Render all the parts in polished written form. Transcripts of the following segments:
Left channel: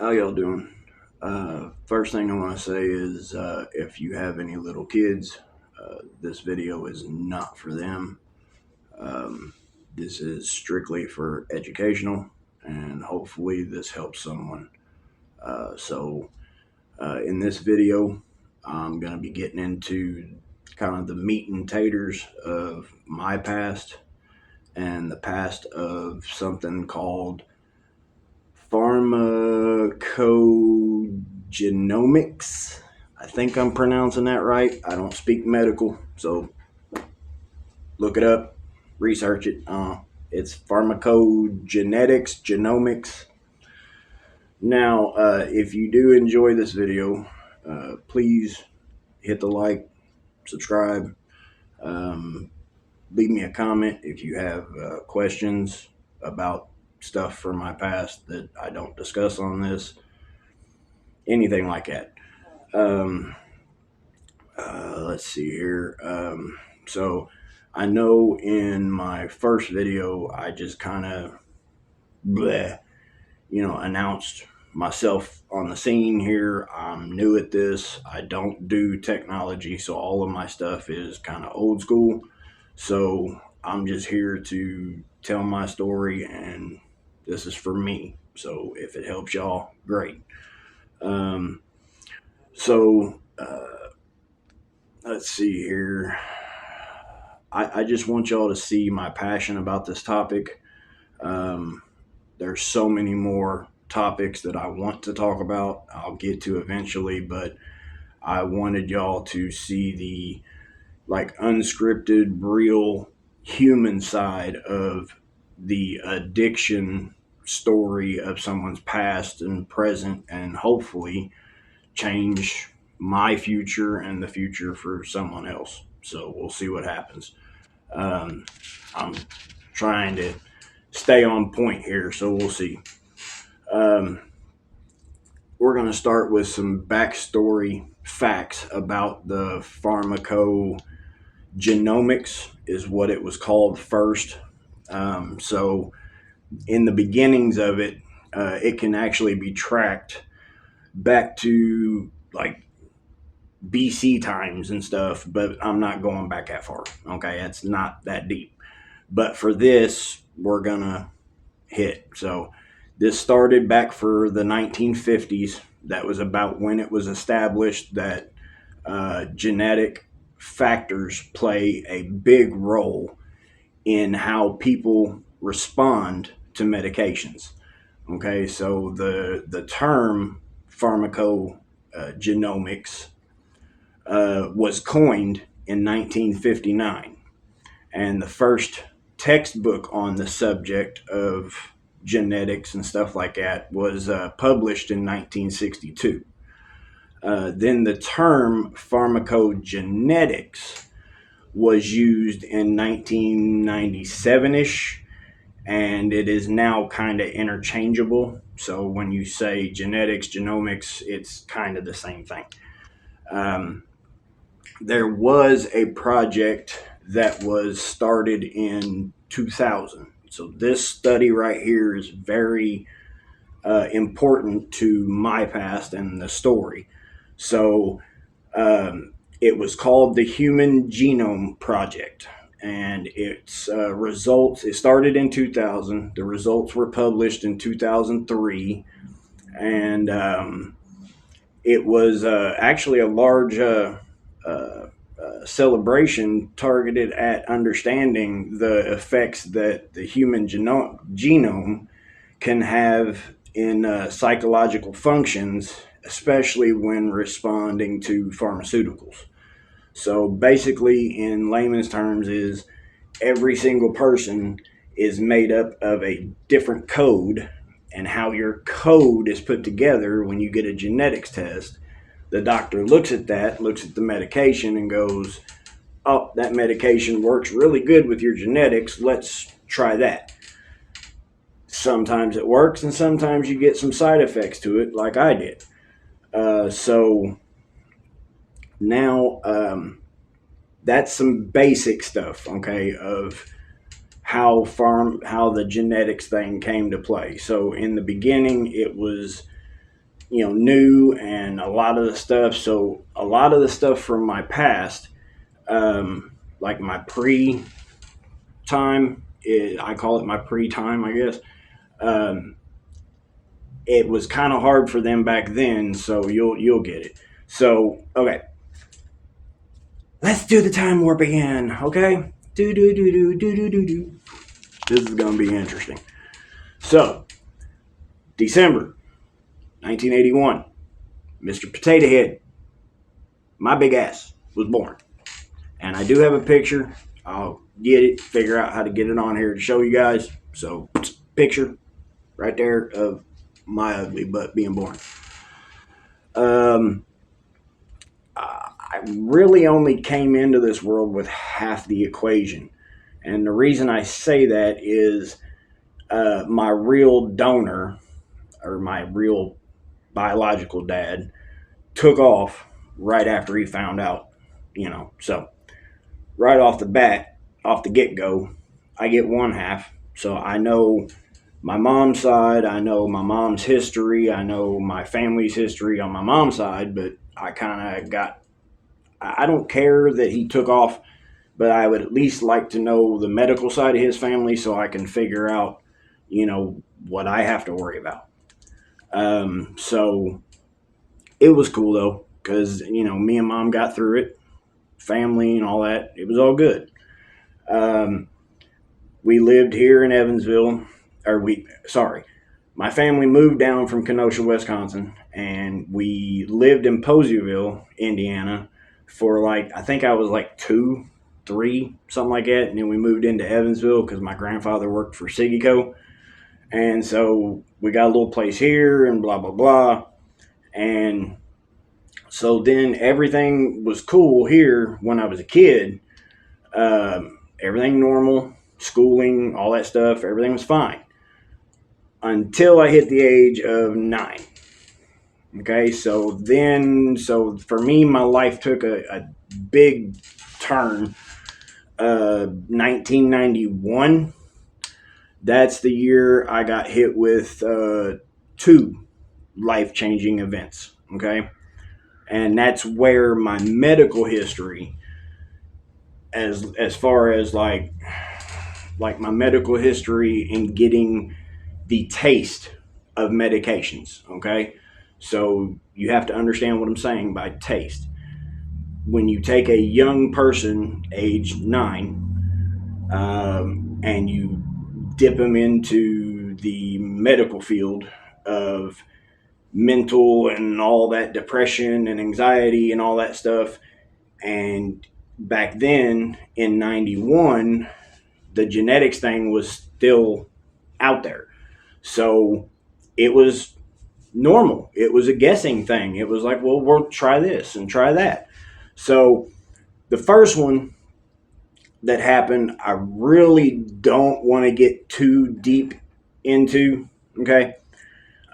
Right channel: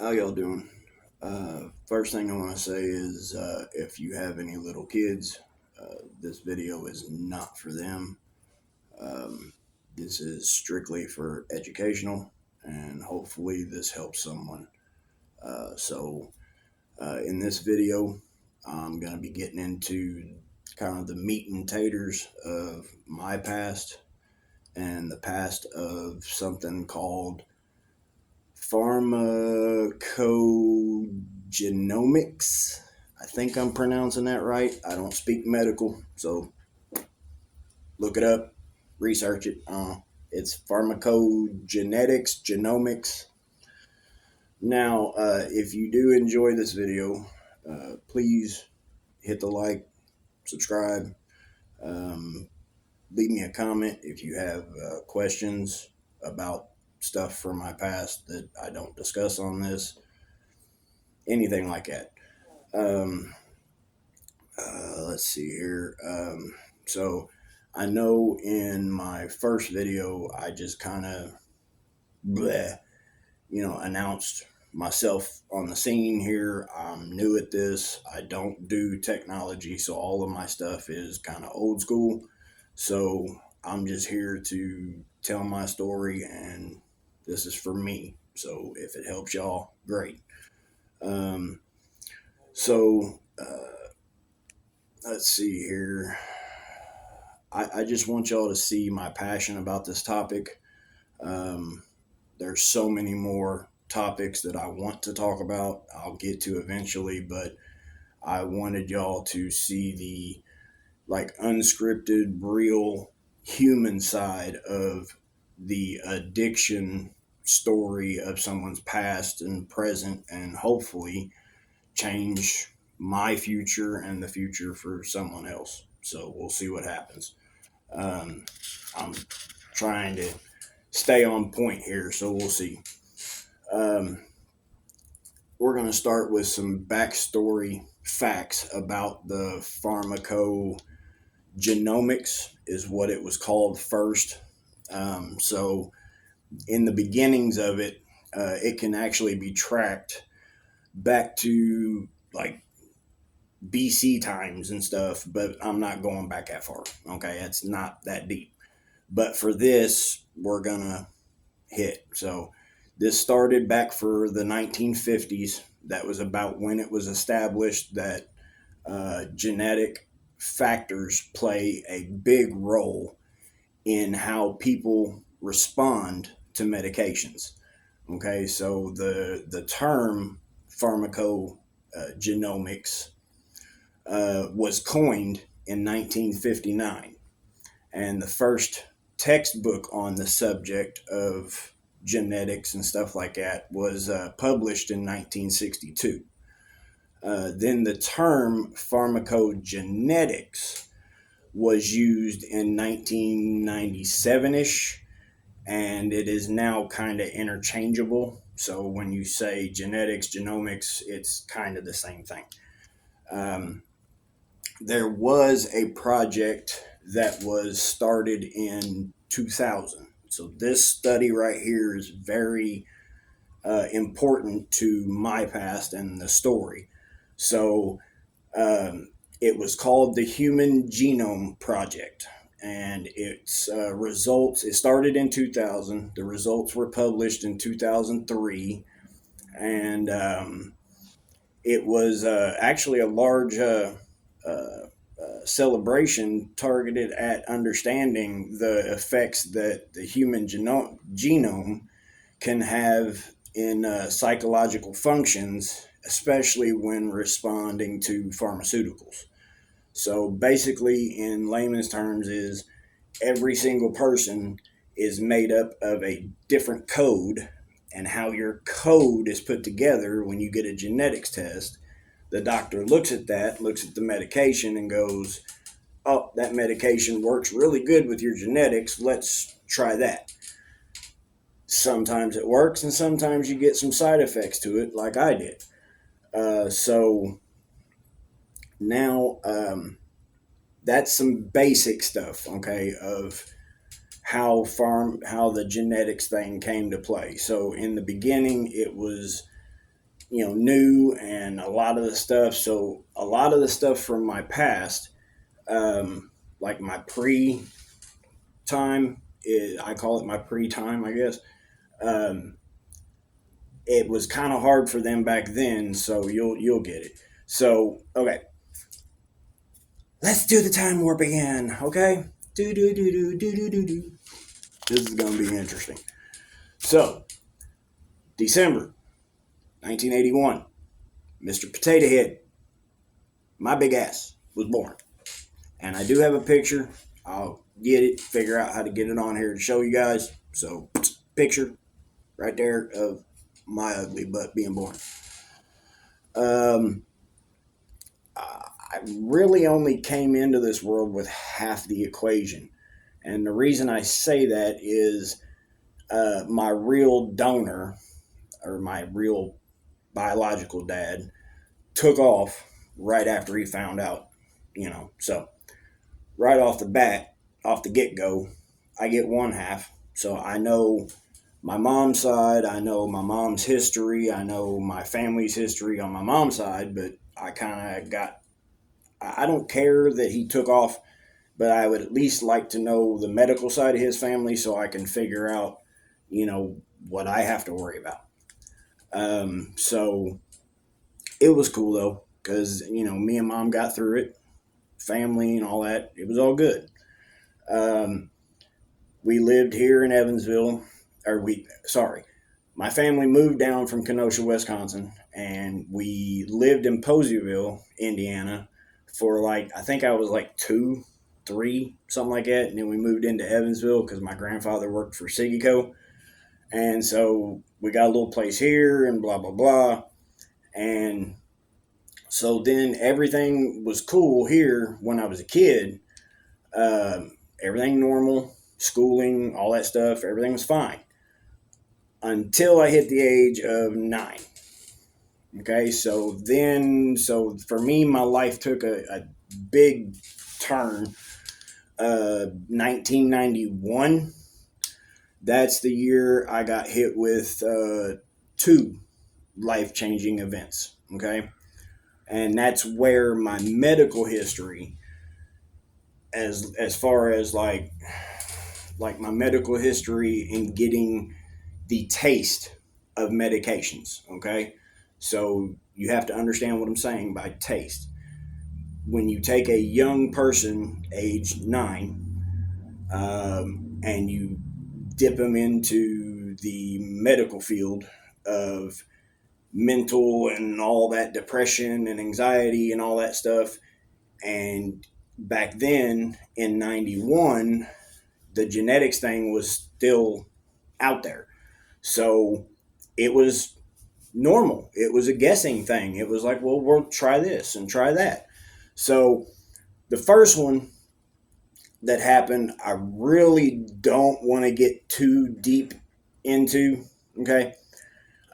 How y'all doing? First thing I want to say is if you have any little kids, this video is not for them. Um, this is strictly for educational, and hopefully, this helps someone. In this video, I'm going to be getting into kind of the meat and taters of my past and the past of something called pharmacogenomics. I think I'm pronouncing that right. I don't speak medical, so look it up, research it. It's pharmacogenetics, genomics. Now, if you do enjoy this video, please hit the like, subscribe, um, leave me a comment if you have questions about stuff from my past that I don't discuss on this, anything like that. Um, let's see here. So I know in my first video, I just kind of, announced myself on the scene here. I'm new at this. I don't do technology, so all of my stuff is kind of old school. So I'm just here to tell my story, and this is for me. So if it helps y'all, great. Um, so let's see here. I just want y'all to see my passion about this topic. Um, there's so many more topics that I want to talk about. I'll get to eventually, but I wanted y'all to see the unscripted, real human side of the addiction story of someone's past and present, and hopefully change my future and the future for someone else. So we'll see what happens. Um, I'm trying to stay on point here, so we'll see. Um, we're going to start with some backstory facts about the pharmacogenomics, is what it was called first. So, in the beginnings of it, it can actually be tracked back to like BC times and stuff, but I'm not going back that far. Okay, it's not that deep. But for this, we're gonna hit. So this started back for the 1950s. That was about when it was established that genetic factors play a big role in how people respond to medications. Okay, so the term pharmacogenomics was coined in 1959, and the first textbook on the subject of genetics and stuff like that was published in 1962. Then the term pharmacogenetics was used in 1997 ish, and it is now kind of interchangeable. So when you say genetics, genomics, it's kind of the same thing. Um, there was a project that was started in 2000. So this study right here is very important to my past and the story. So it was called the Human Genome Project, and its results, it started in 2000. The results were published in 2003, and it was actually a large celebration targeted at understanding the effects that the human genome can have in psychological functions, especially when responding to pharmaceuticals. So basically, in layman's terms, is every single person is made up of a different code, and how your code is put together when you get a genetics test. The doctor looks at that, looks at the medication, and goes, "Oh, that medication works really good with your genetics. Let's try that." Sometimes it works, and sometimes you get some side effects to it, like I did. So now that's some basic stuff, okay, of how the genetics thing came to play. So in the beginning, it was new, and a lot of the stuff. So a lot of the stuff from my past, like my pre time, I call it my pre time, I guess. Um, it was kind of hard for them back then, so you'll get it. So okay, let's do the time warp again. Okay, do do do do do do do do. This is gonna be interesting. So December 1981, Mr. Potato Head, my big ass, was born. And I do have a picture. I'll get it, figure out how to get it on here to show you guys. So, picture right there of my ugly butt being born. Um, I really only came into this world with half the equation. And the reason I say that is my real donor, or my real biological dad, took off right after he found out. So right off the bat, off the get go, I get one half. So I know my mom's side, I know my mom's history, I know my family's history on my mom's side, but I kind of got, I don't care that he took off, but I would at least like to know the medical side of his family so I can figure out, what I have to worry about. So it was cool though, because, me and mom got through it, family and all that. It was all good. Um, we lived here in Evansville, sorry, my family moved down from Kenosha, Wisconsin, and we lived in Poseyville, Indiana, for like, I think I was like two, three, something like that. And then we moved into Evansville because my grandfather worked for Sigico. And so we got a little place here and blah, blah, blah. And so then everything was cool here when I was a kid. Everything normal, schooling, all that stuff, everything was fine until I hit the age of 9. Okay, so for me, my life took a big turn. 1991, that's the year I got hit with two life changing events. Okay, and that's where my medical history, as far as like my medical history in getting the taste of medications. Okay, so you have to understand what I'm saying by taste. When you take a young person, age 9, and you dip them into the medical field of mental and all that depression and anxiety and all that stuff, and back then in 91, the genetics thing was still out there. So it was normal. It was a guessing thing. It was like, well, we'll try this and try that. So the first one that happened, I really don't want to get too deep into. Okay.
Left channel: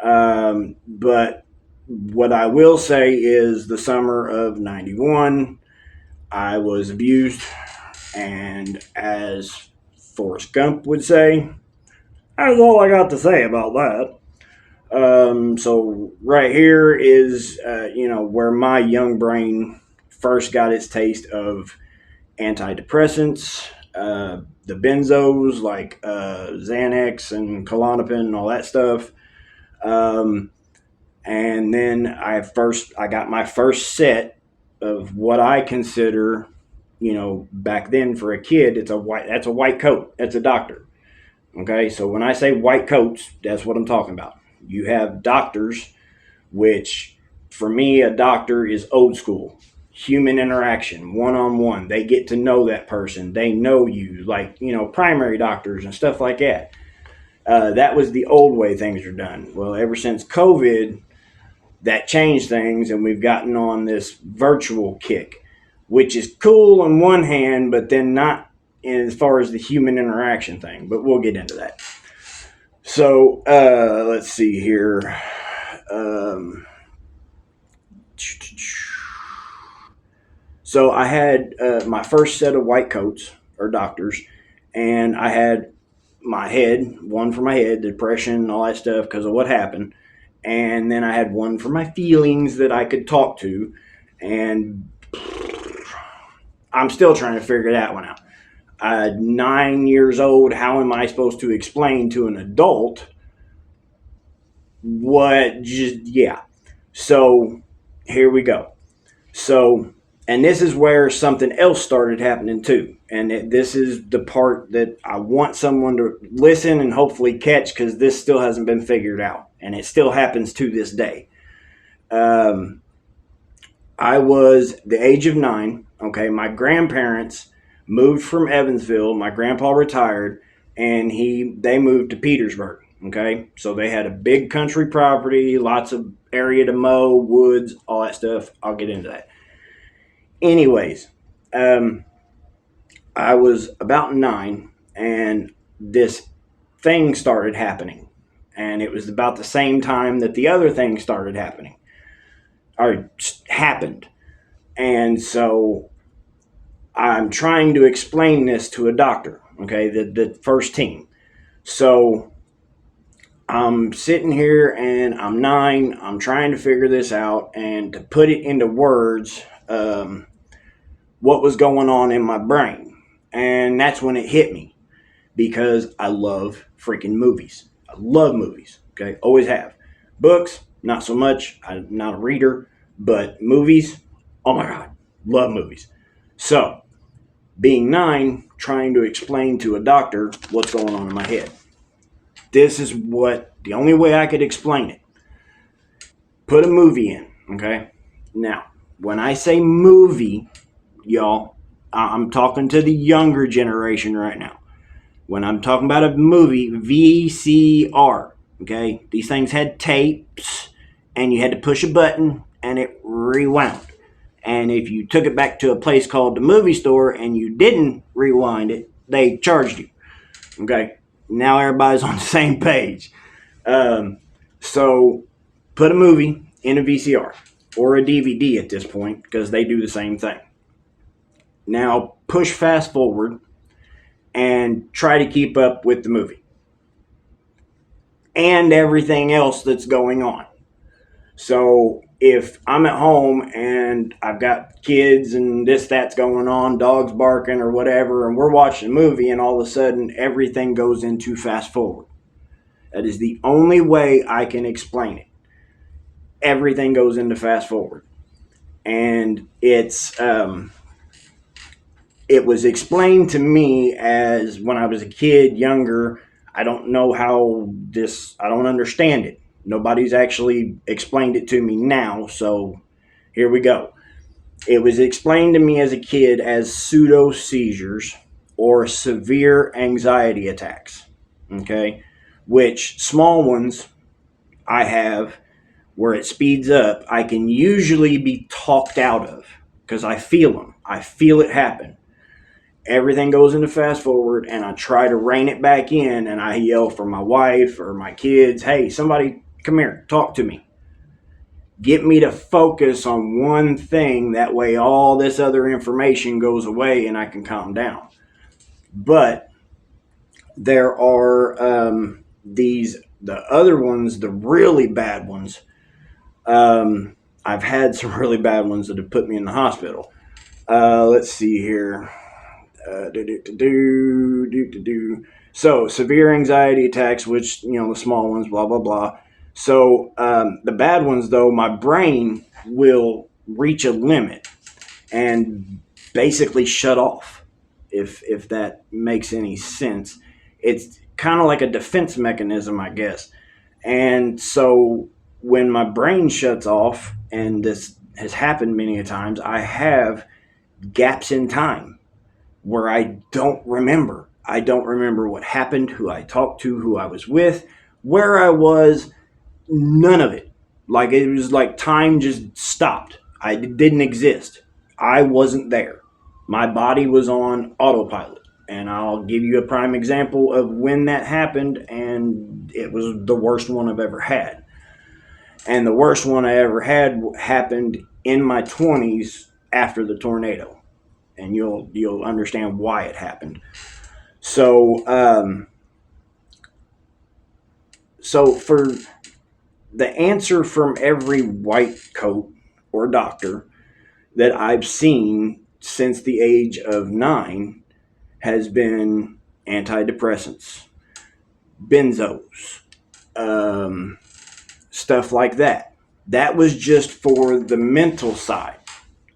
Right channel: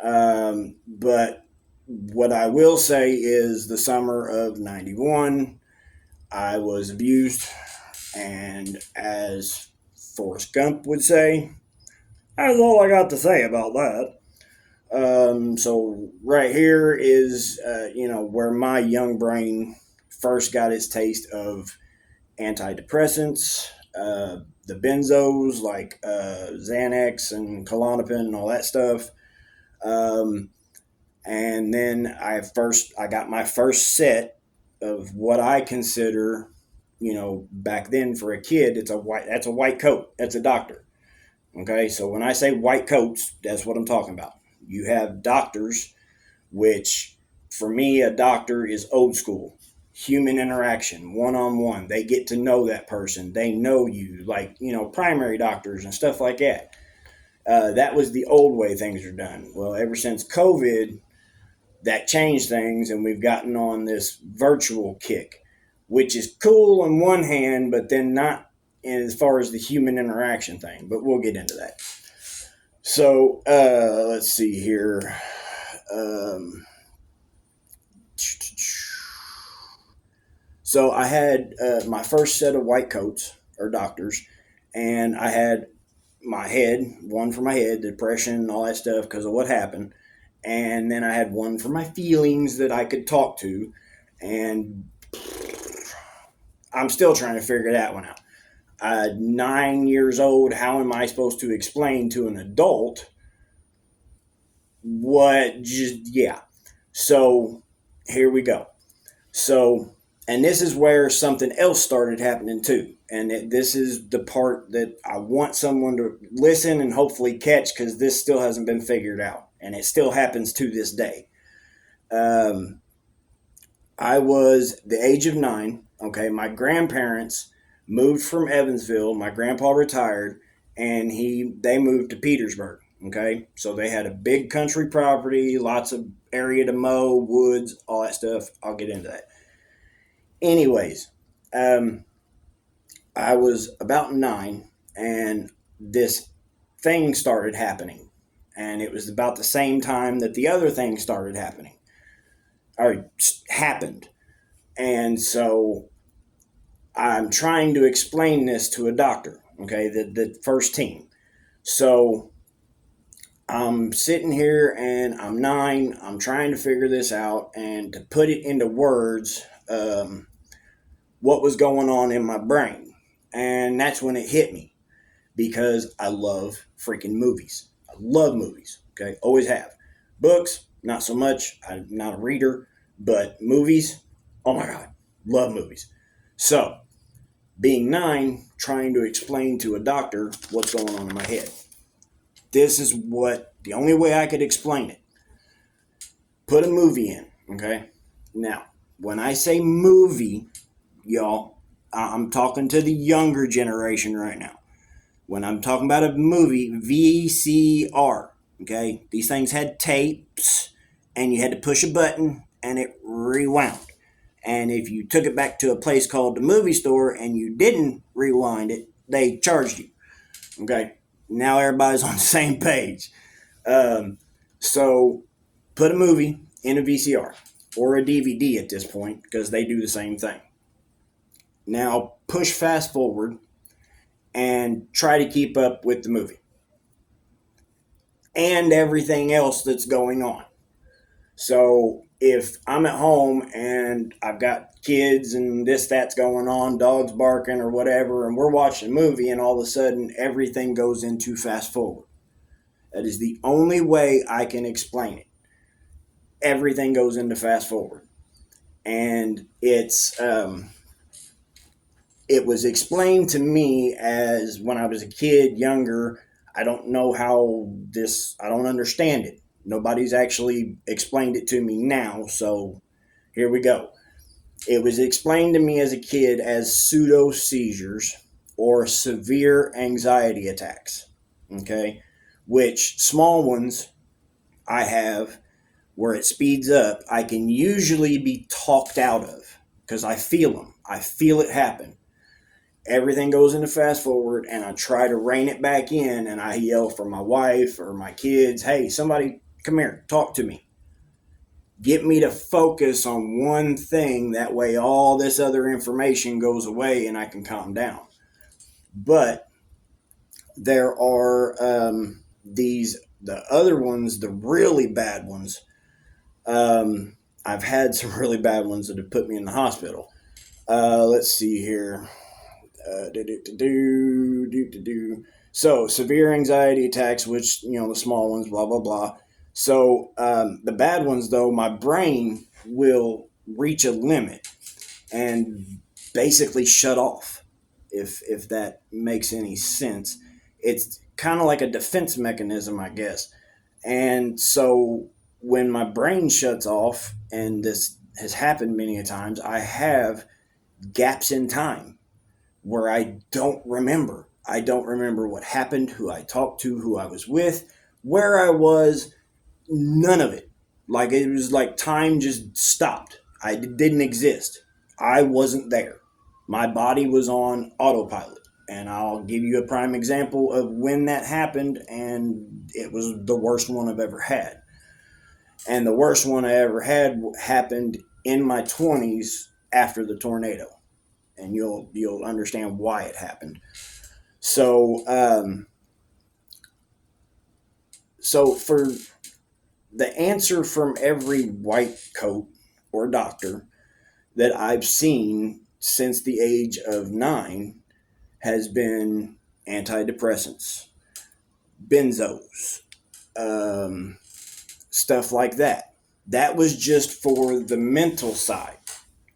But what I will say is the summer of 91, I was abused. And as Forrest Gump would say, that's all I got to say about that. So right here is, where my young brain first got its taste of antidepressants, the benzos like Xanax and Klonopin and all that stuff. Um, and then I got my first set of what I consider, back then for a kid, that's a white coat. That's a doctor. Okay, so when I say white coats, that's what I'm talking about. You have doctors, which for me, a doctor is old school, human interaction, one on one. They get to know that person, they know you, like, primary doctors and stuff like that. That was the old way things are done. Well, ever since COVID, that changed things, and we've gotten on this virtual kick, which is cool on one hand, but then not as far as the human interaction thing. But we'll get into that. So let's see here. So I had my first set of white coats or doctors, and I had my head, one for my head, depression, all that stuff because of what happened. And then I had one for my feelings that I could talk to. And I'm still trying to figure that one out. 9 years old, how am I supposed to explain to an adult what just, yeah. So here we go. So, and this is where something else started happening too. And this is the part that I want someone to listen and hopefully catch, because this still hasn't been figured out. And it still happens to this day. Um, I was the age of 9. Okay. My grandparents moved from Evansville. My grandpa retired and they moved to Petersburg. Okay. So they had a big country property, lots of area to mow, woods, all that stuff. I'll get into that. Anyways, um, I was about 9 and this thing started happening. And it was about the same time that the other thing started happening or happened. And so I'm trying to explain this to a doctor, okay, the first team. So I'm sitting here and I'm 9. I'm trying to figure this out and to put it into words, what was going on in my brain. And that's when it hit me, because I love freaking movies. I love movies, okay, always have. Books, not so much. I'm not a reader, but movies, oh my God, love movies. So being 9, trying to explain to a doctor what's going on in my head. This is what the only way I could explain it. Put a movie in, okay? Now, when I say movie, y'all, I'm talking to the younger generation right now. When I'm talking about a movie, VCR, okay? These things had tapes, and you had to push a button, and it rewound. And if you took it back to a place called the movie store and you didn't rewind it, they charged you. Okay. Now everybody's on the same page. Um, so put a movie in a VCR or a DVD at this point, because they do the same thing. Now push fast forward and try to keep up with the movie and everything else that's going on. So if I'm at home and I've got kids and that's going on, dogs barking or whatever, and we're watching a movie and all of a sudden everything goes into fast forward. That is the only way I can explain it. Everything goes into fast forward. And it was explained to me as when I was a kid, younger. I don't know I don't understand it. Nobody's actually explained it to me now, so here we go. It was explained to me as a kid as pseudo seizures or severe anxiety attacks. Okay, which small ones I have where it speeds up, I can usually be talked out of because I feel them. I feel it happen. Everything goes into fast forward, and I try to rein it back in, and I yell for my wife or my kids, hey, somebody come here, talk to me. Get me to focus on one thing. That way all this other information goes away and I can calm down. But there are the other ones, the really bad ones. I've had some really bad ones that have put me in the hospital. Let's see here. So severe anxiety attacks, which, the small ones, blah, blah, blah. So the bad ones, though, my brain will reach a limit and basically shut off, if that makes any sense. It's kind of like a defense mechanism, I guess. And so when my brain shuts off, and this has happened many a times, I have gaps in time where I don't remember. I don't remember what happened, who I talked to, who I was with, where I was, none of it. Like, it was like time just stopped. I didn't exist. I wasn't there. My body was on autopilot. And I'll give you a prime example of when that happened, and it was the worst one I've ever had. And the worst one I ever had happened in my 20s after the tornado. And you'll understand why it happened. So for the answer from every white coat or doctor that I've seen since the age of 9 has been antidepressants, benzos, um, stuff like that. That was just for the mental side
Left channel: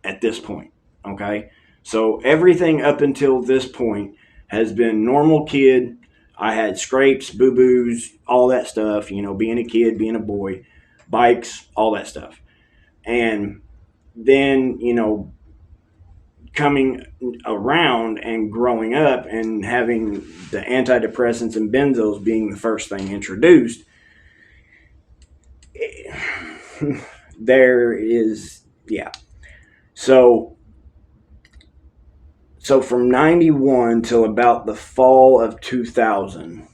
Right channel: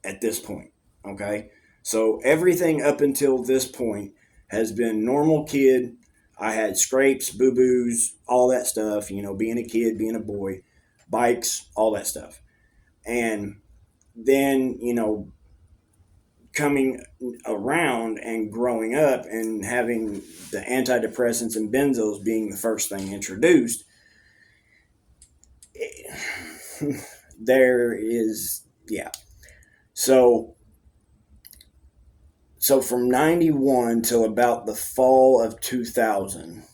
at this point. Okay. So everything up until this point has been normal kid. I had scrapes, boo boos, all that stuff, being a kid, being a boy, bikes, all that stuff. And then, coming around and growing up and having the antidepressants and benzos being the first thing introduced, there is, yeah. So from 91 till about the fall of 2000,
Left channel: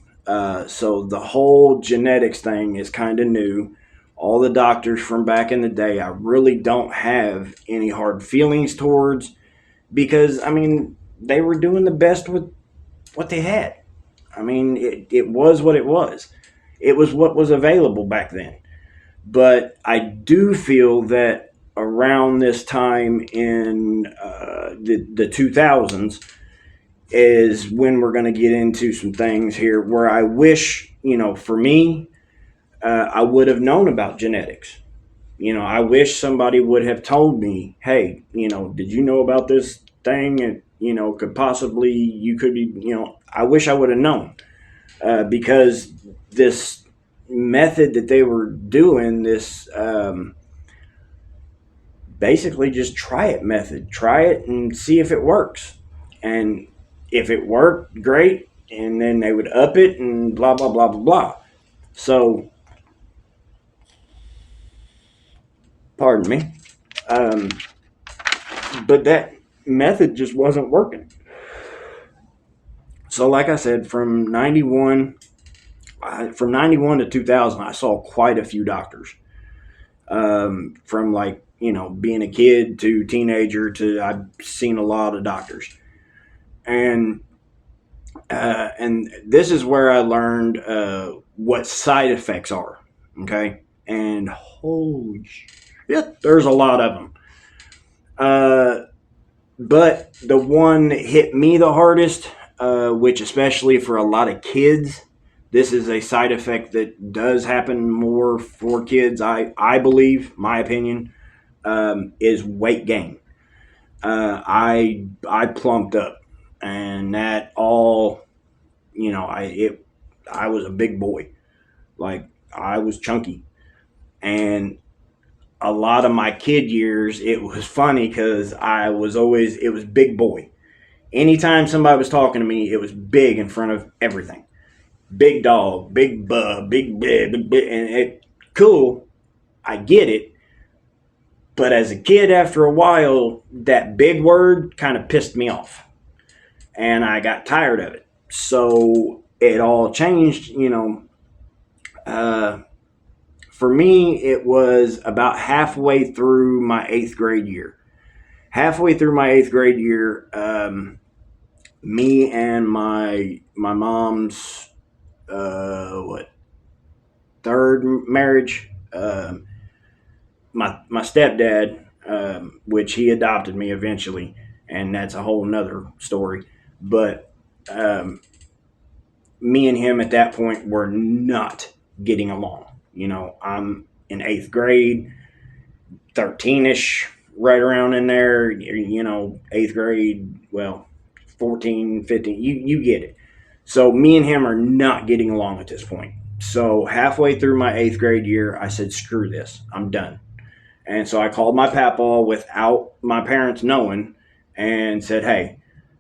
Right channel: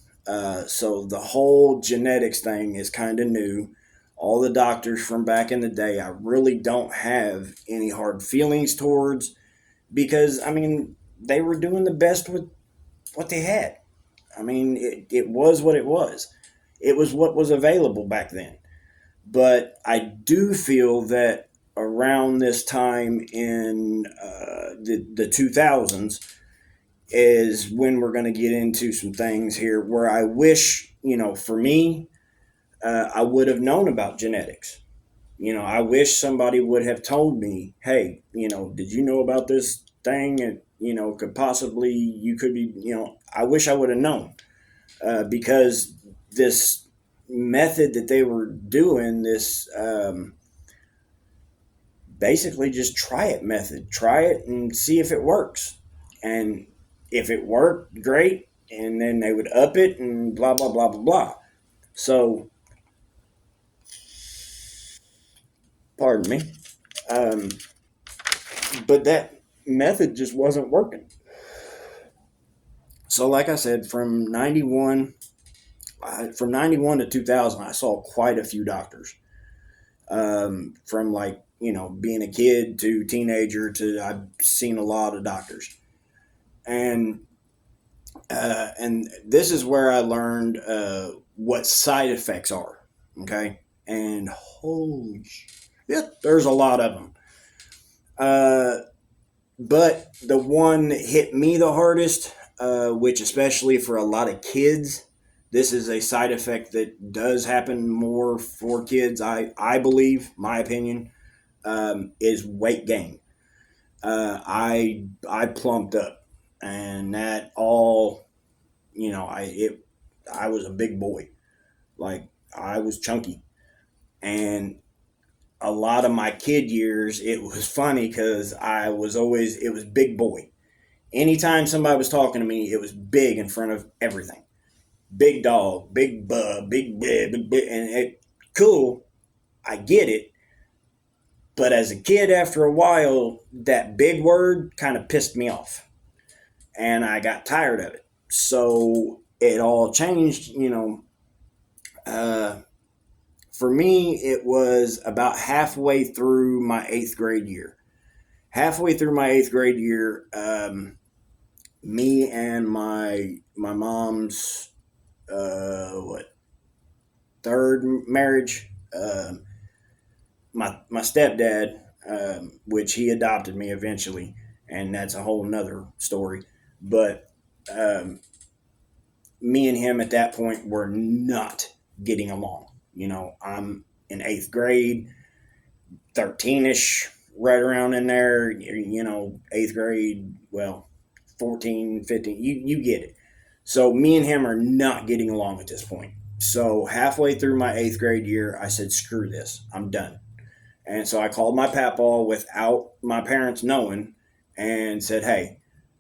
so the whole genetics thing is kind of new. All the doctors from back in the day, I really don't have any hard feelings towards, because I mean they were doing the best with what they had. I mean it was what it was. It was what was available back then. But I do feel that around this time in the 2000s is when we're going to get into some things here where I wish, for me, I would have known about genetics. I wish somebody would have told me, hey, did you know about this thing? And, could possibly, you could be, I wish I would have known, because this method that they were doing, this basically just try it method, try it and see if it works. And if it worked, great. And then they would up it and blah, blah, blah, blah, blah. So, pardon me. Um, but that method just wasn't working. So, like I said, from 91 to 2000, I saw quite a few doctors. From like, being a kid to teenager to, I've seen a lot of doctors. And this is where I learned what side effects are. Okay, and holy shit, there's a lot of them. Uh, but the one that hit me the hardest, which especially for a lot of kids, this is a side effect that does happen more for kids. I believe, my opinion, is weight gain. I plumped up, and that all, I was a big boy, like I was chunky, and a lot of my kid years, it was funny because it was big boy. Anytime somebody was talking to me, it was big in front of everything. Big dog, big bub, big, and cool. I get it, but as a kid, after a while, that big word kind of pissed me off, and I got tired of it. So it all changed, Uh, for me, it was about halfway through my eighth grade year. Halfway through my eighth grade year, me and my mom's what third marriage. My stepdad, which he adopted me eventually, and that's a whole nother story. But me and him at that point were not getting along. I'm in eighth grade, 13ish, right around in there. Eighth grade, well, 14, 15. You get it. So me and him are not getting along at this point. So halfway through my eighth grade year, I said, screw this. I'm done. And so I called my papaw without my parents knowing and said, hey,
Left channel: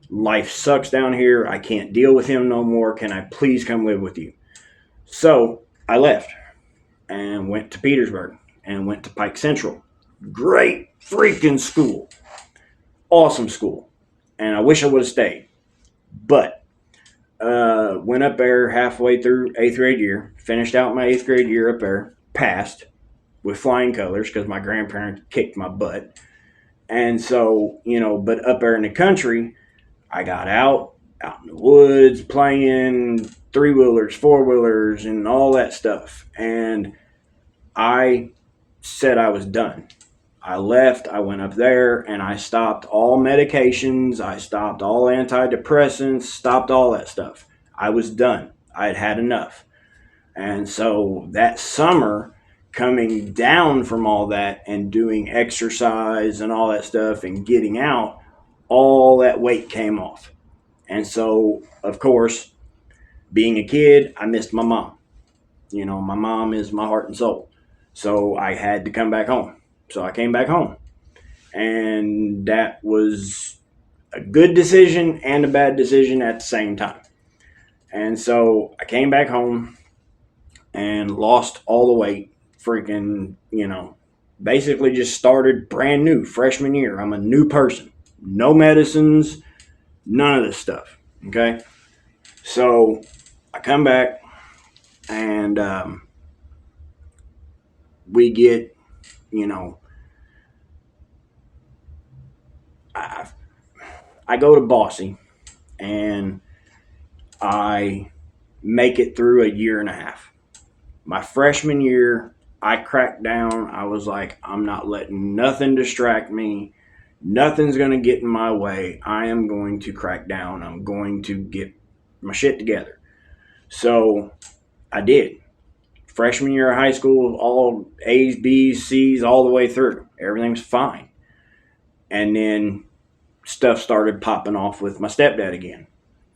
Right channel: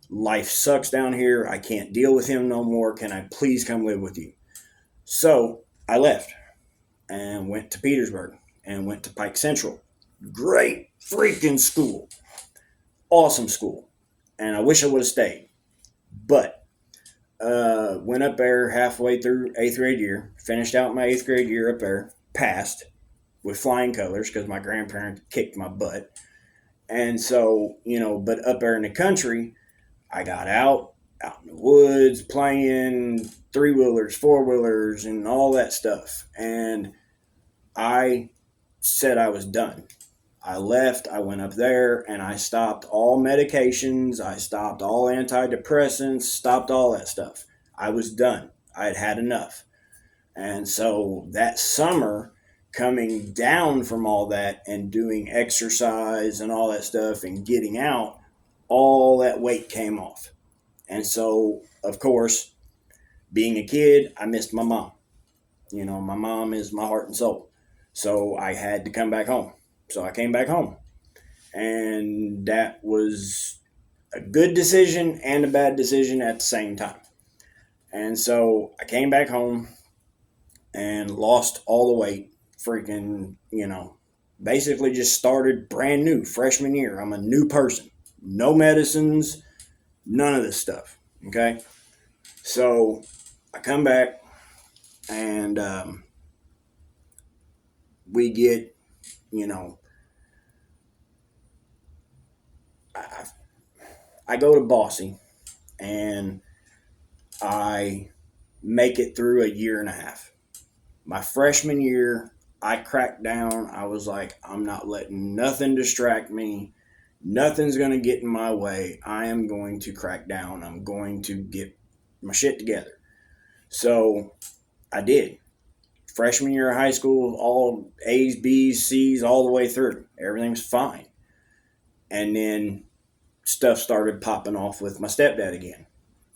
life sucks down here. I can't deal with him no more. Can I please come live with you? So I left and went to Petersburg and went to Pike Central. Great freaking school. Awesome school. And I wish I would have stayed. But went up there halfway through eighth grade year, finished out my eighth grade year up there, passed with flying colors because my grandparents kicked my butt. And so, but up there in the country, I got out in the woods, playing three-wheelers, four-wheelers, and all that stuff. And I said I was done. I left, I went up there, and I stopped all medications. I stopped all antidepressants, stopped all that stuff. I was done. I had had enough. And so that summer, coming down from all that and doing exercise and all that stuff and getting out, all that weight came off. And so, of course, being a kid, I missed my mom. My mom is my heart and soul. So I had to come back home. So I came back home. And that was a good decision and a bad decision at the same time. And so I came back home and lost all the weight. Freaking, basically just started brand new, freshman year. I'm a new person. No medicines, none of this stuff. Okay. So I come back and we get, you know, I, I go to Bossy and I make it through a year and a half. My freshman year, I cracked down. I was like, I'm not letting nothing distract me. Nothing's going to get in my way. I am going to crack down. I'm going to get my shit together. So I did. Freshman year of high school, all A's, B's, C's, all the way through. Everything's fine. And then stuff started popping off with my stepdad again.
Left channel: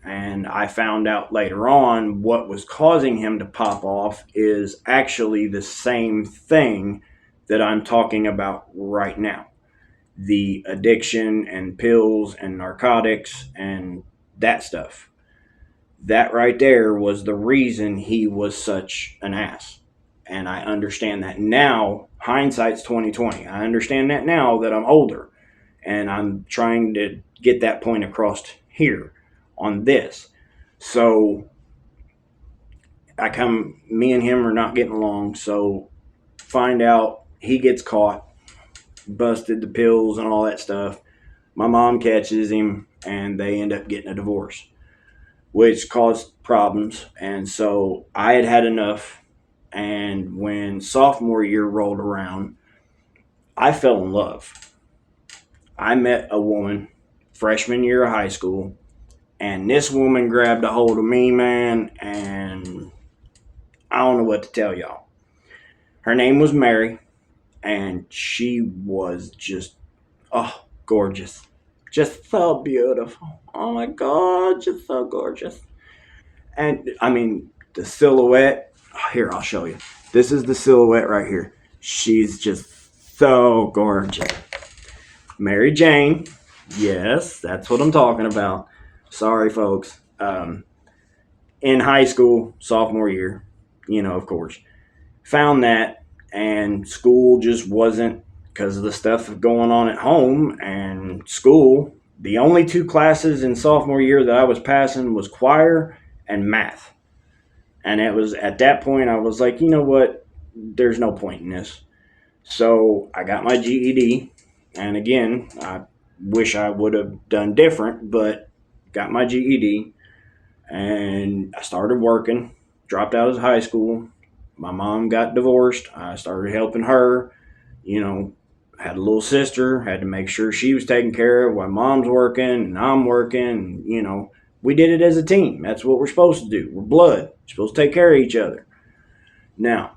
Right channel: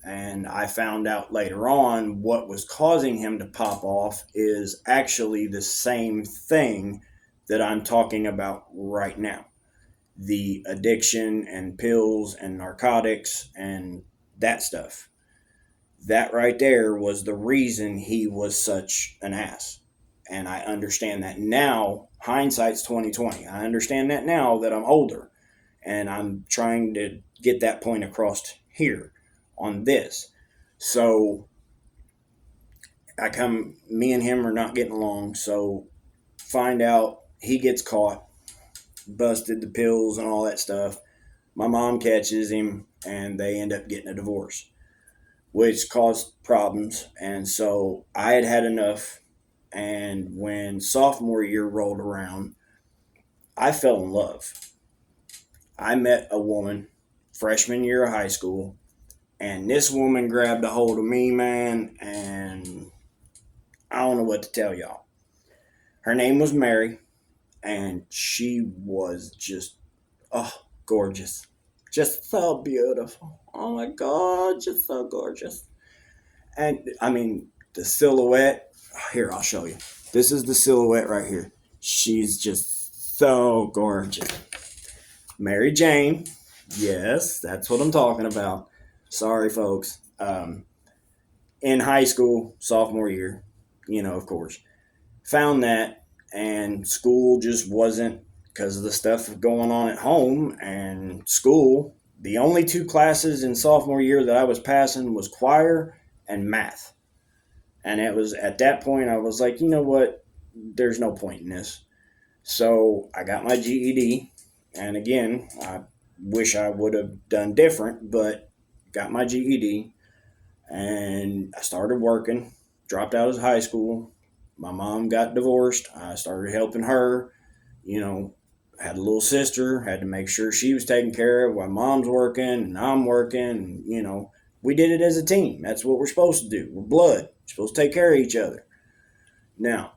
And I found out later on what was causing him to pop off is actually the same thing that I'm talking about right now. The addiction and pills and narcotics and that stuff. That right there was the reason he was such an ass. And I understand that now. Hindsight's 2020. I understand that now that I'm older. And I'm trying to get that point across here on this. So me and him are not getting along. So find out he gets caught, busted the pills and all that stuff. My mom catches him and they end up getting a divorce, which caused problems. And so I had had enough. And when sophomore year rolled around, I fell in love. I met a woman freshman year of high school, and this woman grabbed a hold of me, man, and I don't know what to tell y'all. Her name was Mary, and she was just, gorgeous. Just so beautiful. Oh my God, just so gorgeous. And I mean, the silhouette, here, I'll show you. This is the silhouette right here. She's just so gorgeous. Mary Jane. Yes, that's what I'm talking about. Sorry, folks. In high school, sophomore year, of course, found that, and school just wasn't, because of the stuff going on at home and school. The only two classes in sophomore year that I was passing was choir and math. And it was at that point I was like, you know what? There's no point in this. So I got my GED. And again, I wish I would have done different, but got my GED and I started working, dropped out of high school. My mom got divorced. I started helping her, had a little sister, had to make sure she was taken care of while mom's working and I'm working. We did it as a team. That's what we're supposed to do. We're blood. We're supposed to take care of each other. Now,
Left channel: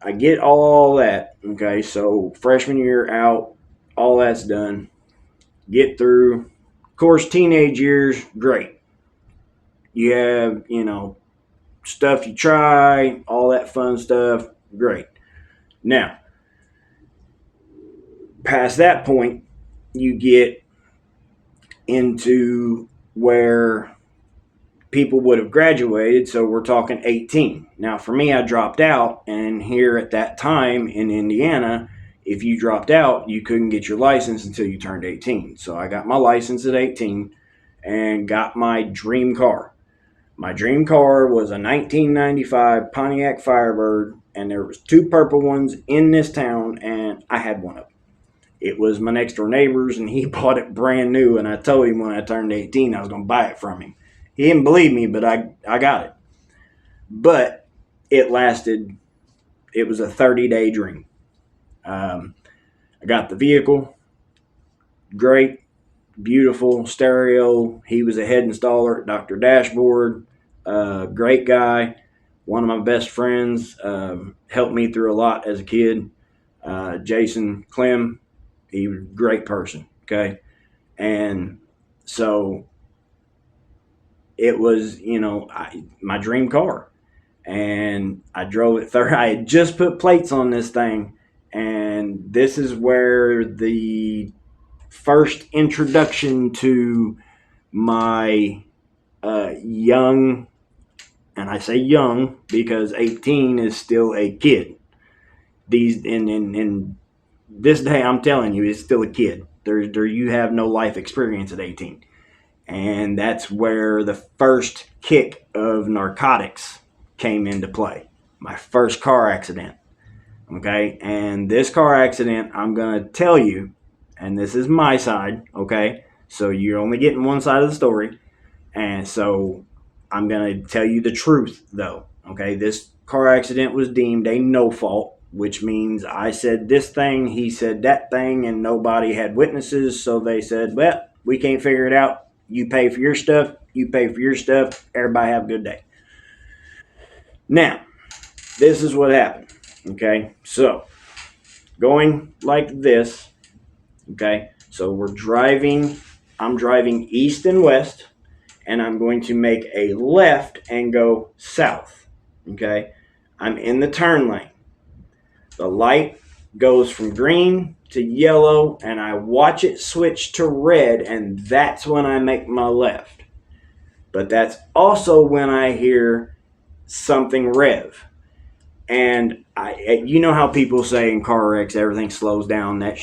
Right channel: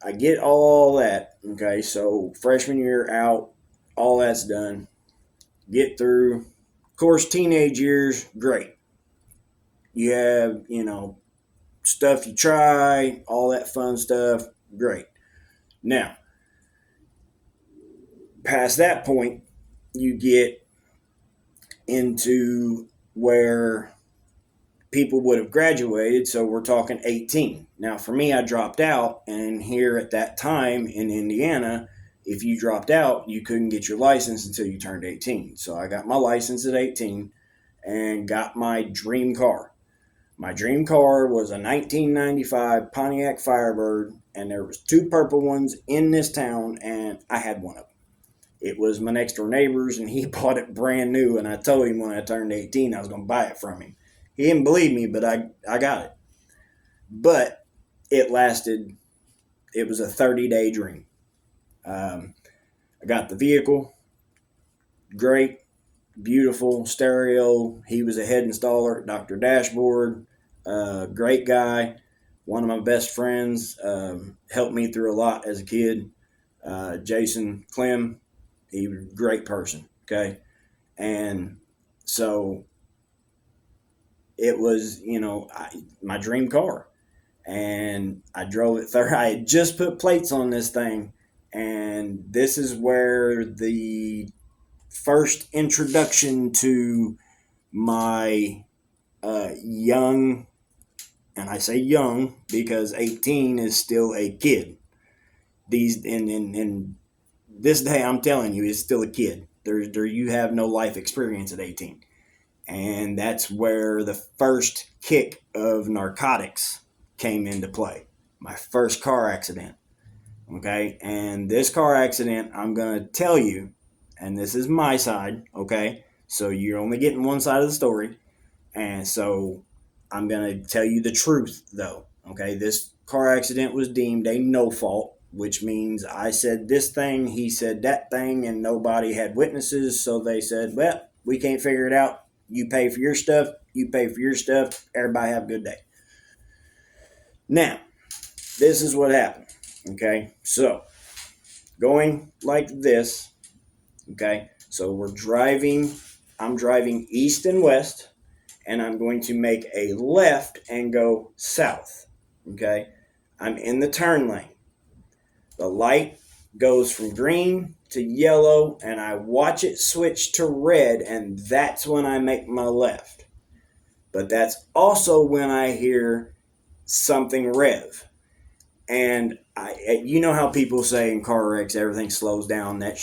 I get all that. Okay, so freshman year out, all that's done. Get through. Of course, teenage years, great. You have, stuff you try, all that fun stuff, great. Now, past that point, you get into where people would have graduated, so we're talking 18. Now, for me, I dropped out, and here at that time in Indiana, if you dropped out, you couldn't get your license until you turned 18. So I got my license at 18 and got my dream car. My dream car was a 1995 Pontiac Firebird, and there was two purple ones in this town, and I had one of them. It was my next door neighbor's, and he bought it brand new, and I told him when I turned 18 I was going to buy it from him. He didn't believe me, but I got it. But it lasted it was a 30-day dream. I got the vehicle, great, beautiful stereo. He was a head installer at Dr. Dashboard, great guy, one of my best friends, helped me through a lot as a kid. Jason Clem, he was a great person, okay? And so it was, my dream car. And I drove it I had just put plates on this thing. And this is where the first introduction to my young, and I say young because 18 is still a kid. These in this day, I'm telling you, is still a kid. There you have no life experience at 18, and that's where the first kick of narcotics came into play. My first car accident. Okay, and this car accident, I'm gonna tell you, and this is my side. Okay, so you're only getting one side of the story, and so I'm gonna tell you the truth, though. Okay, this car accident was deemed a no fault, which means I said this thing, he said that thing, and nobody had witnesses, so they said, well, we can't figure it out. You pay for your stuff, you pay for your stuff, everybody have a good day. Now, this is what happened. Okay, so going like this. Okay, so I'm driving east and west, and I'm going to make a left and go south. Okay, I'm in the turn lane. The light goes from green to yellow, and I watch it switch to red, and that's when I make my left. But that's also when I hear something rev. And you know how people say in car wrecks everything slows down. That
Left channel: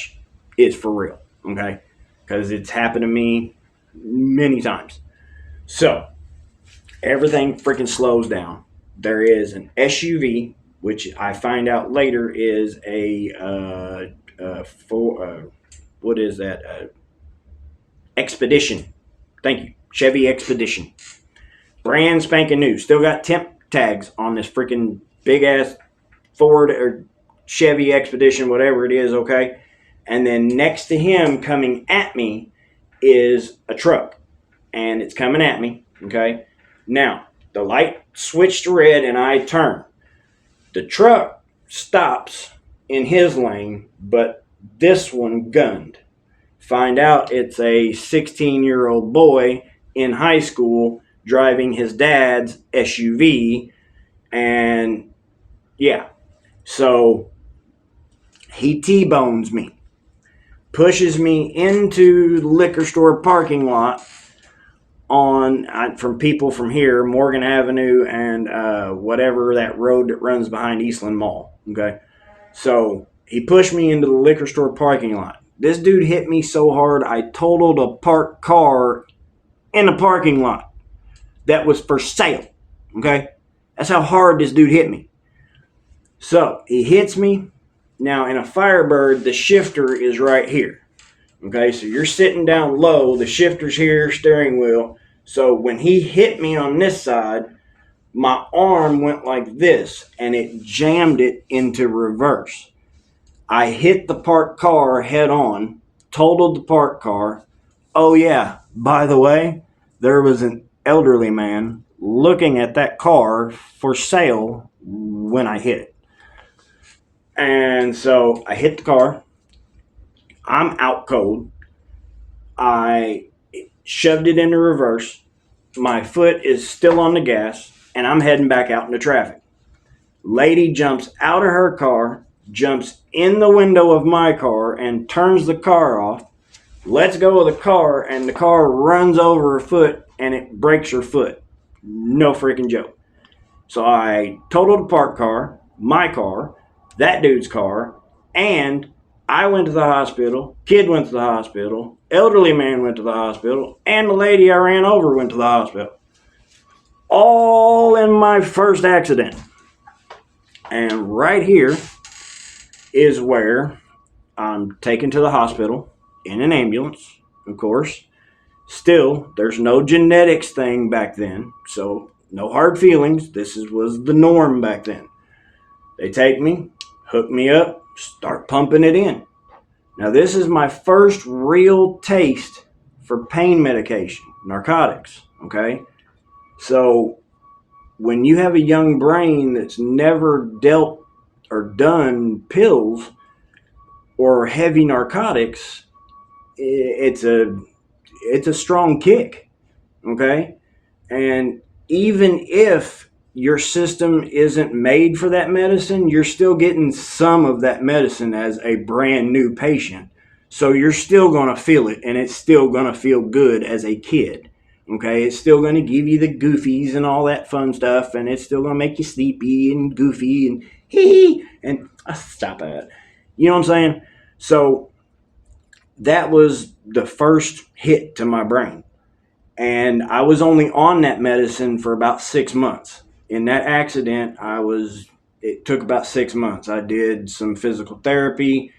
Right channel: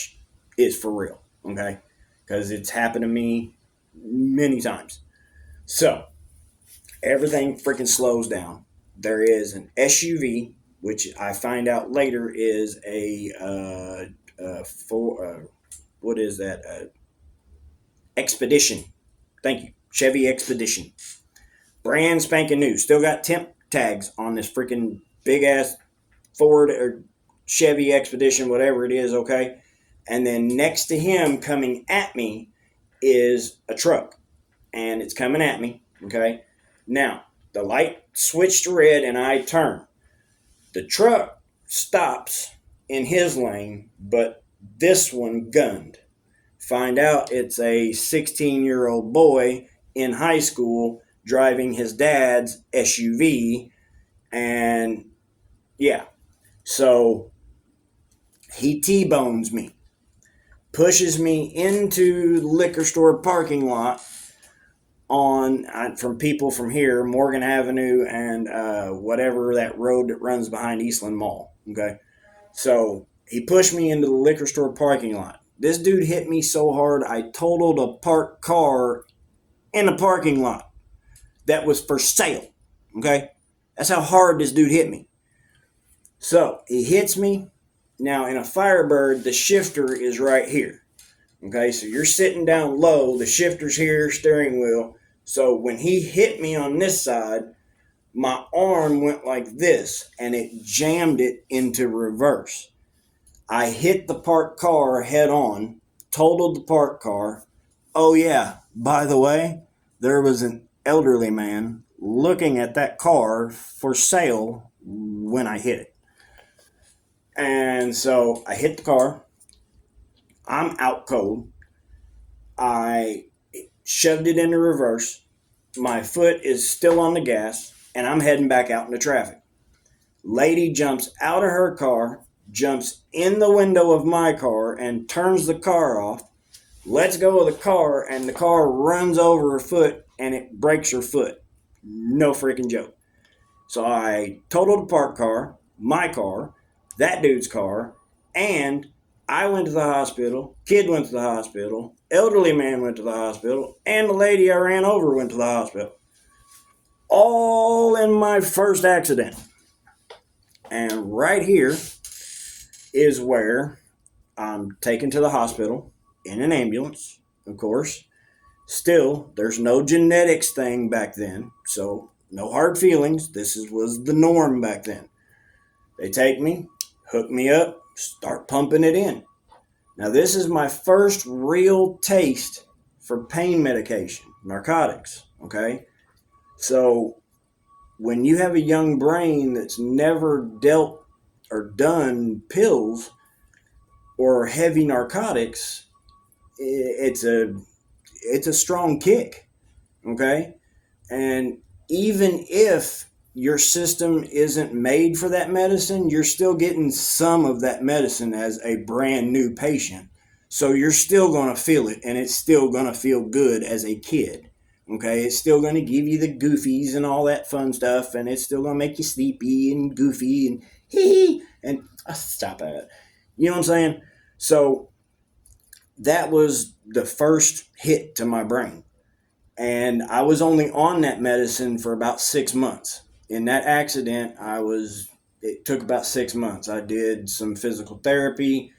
is for real, okay? Because it's happened to me many times. So everything freaking slows down. There is an SUV, which I find out later is what is that? Expedition. Thank you, Chevy Expedition, brand spanking new. Still got temp tags on this freaking big ass Ford or Chevy Expedition, whatever it is, okay? And then next to him coming at me is a truck, and it's coming at me, okay? Now, the light switched to red, and I turn. The truck stops in his lane, but this one gunned. Find out it's a 16-year-old boy in high school driving his dad's SUV, and yeah. So he T-bones me, pushes me into the liquor store parking lot from people from here, Morgan Avenue and whatever that road that runs behind Eastland Mall. Okay, so he pushed me into the liquor store parking lot. This dude hit me so hard I totaled a parked car in the parking lot that was for sale. Okay, that's how hard this dude hit me. So he hits me. Now in a Firebird, the shifter is right here. Okay, so you're sitting down low, the shifter's here, steering wheel. So when he hit me on this side, my arm went like this and it jammed it into reverse. I hit the parked car head on, totaled the parked car. Oh yeah, by the way, there was an elderly man looking at that car for sale when I hit it. And so I hit the car. I'm out cold. I shoved it into reverse. My foot is still on the gas, and I'm heading back out into traffic. Lady jumps out of her car, jumps in the window of my car, and turns the car off. Lets go of the car, and the car runs over her foot, and it breaks her foot. No freaking joke. So I totaled the parked car, my car, that dude's car, and I went to the hospital, kid went to the hospital, elderly man went to the hospital, and the lady I ran over went to the hospital. All in my first accident. And right here is where I'm taken to the hospital in an ambulance, of course. Still, there's no genetics thing back then, so no hard feelings. This was the norm back then. They take me, hook me up, start pumping it in. Now, this is my first real taste for pain medication, narcotics. Okay. So, when you have a young brain that's never dealt or done pills or heavy narcotics, it's a strong kick. Okay. And even if your system isn't made for that medicine, you're still getting some of that medicine as a brand new patient. So you're still going to feel it, and it's still going to feel good as a kid. Okay, it's still going to give you the goofies and all that fun stuff, and it's still going to make you sleepy and goofy and hee hee and stop it. You know what I'm saying? So that was the first hit to my brain, and I was only on that medicine for about 6 months. In that accident, it took about 6 months. I did some physical therapy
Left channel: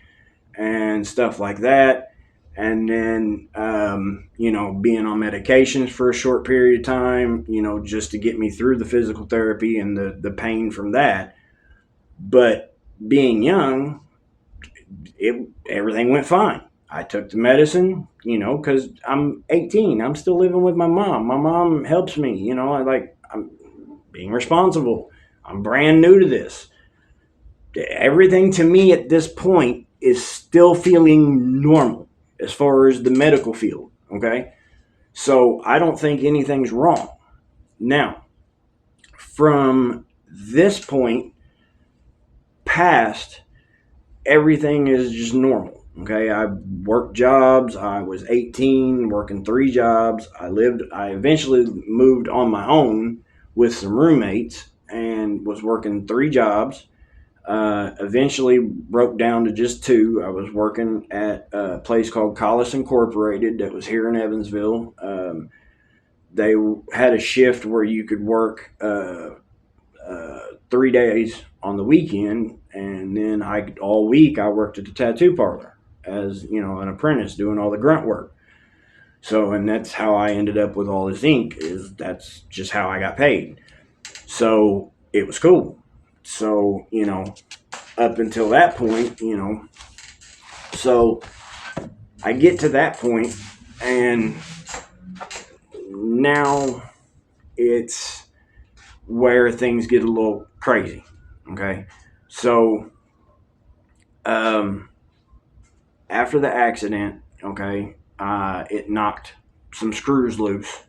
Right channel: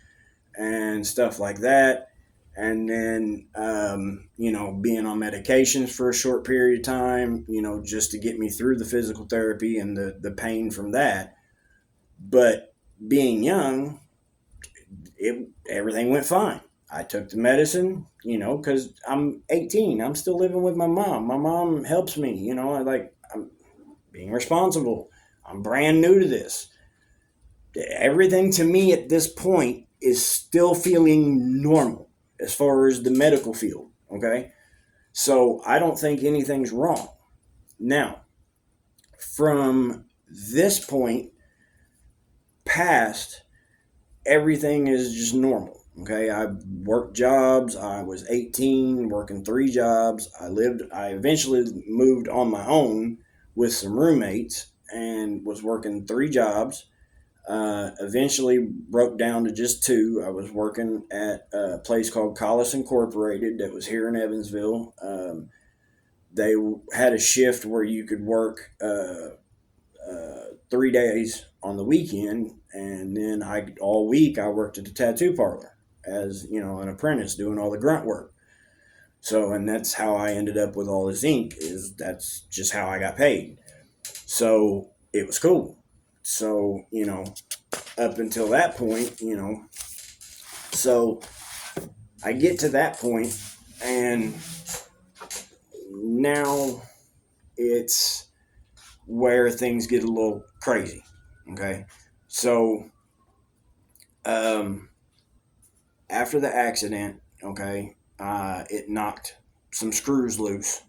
and stuff like that. And then, being on medications for a short period of time, just to get me through the physical therapy and the pain from that. But being young, everything went fine. I took the medicine, because I'm 18. I'm still living with my mom. My mom helps me, I'm being responsible. I'm brand new to this. Everything to me at this point is still feeling normal as far as the medical field, okay? So I don't think anything's wrong. Now, from this point past, everything is just normal. Okay, I worked jobs. I was 18, working 3 jobs. I eventually moved on my own with some roommates and was working 3 jobs. Eventually broke down to just 2. I was working at a place called Collis Incorporated that was here in Evansville. They had a shift where you could work 3 days on the weekend, and then all week I worked at the tattoo parlor as an apprentice doing all the grunt work. So, and that's how I ended up with all this ink. That's just how I got paid. So it was cool. So up until that point, so I get to that point, and now it's where things get a little crazy. Okay, so after the accident, okay, it knocked some screws loose,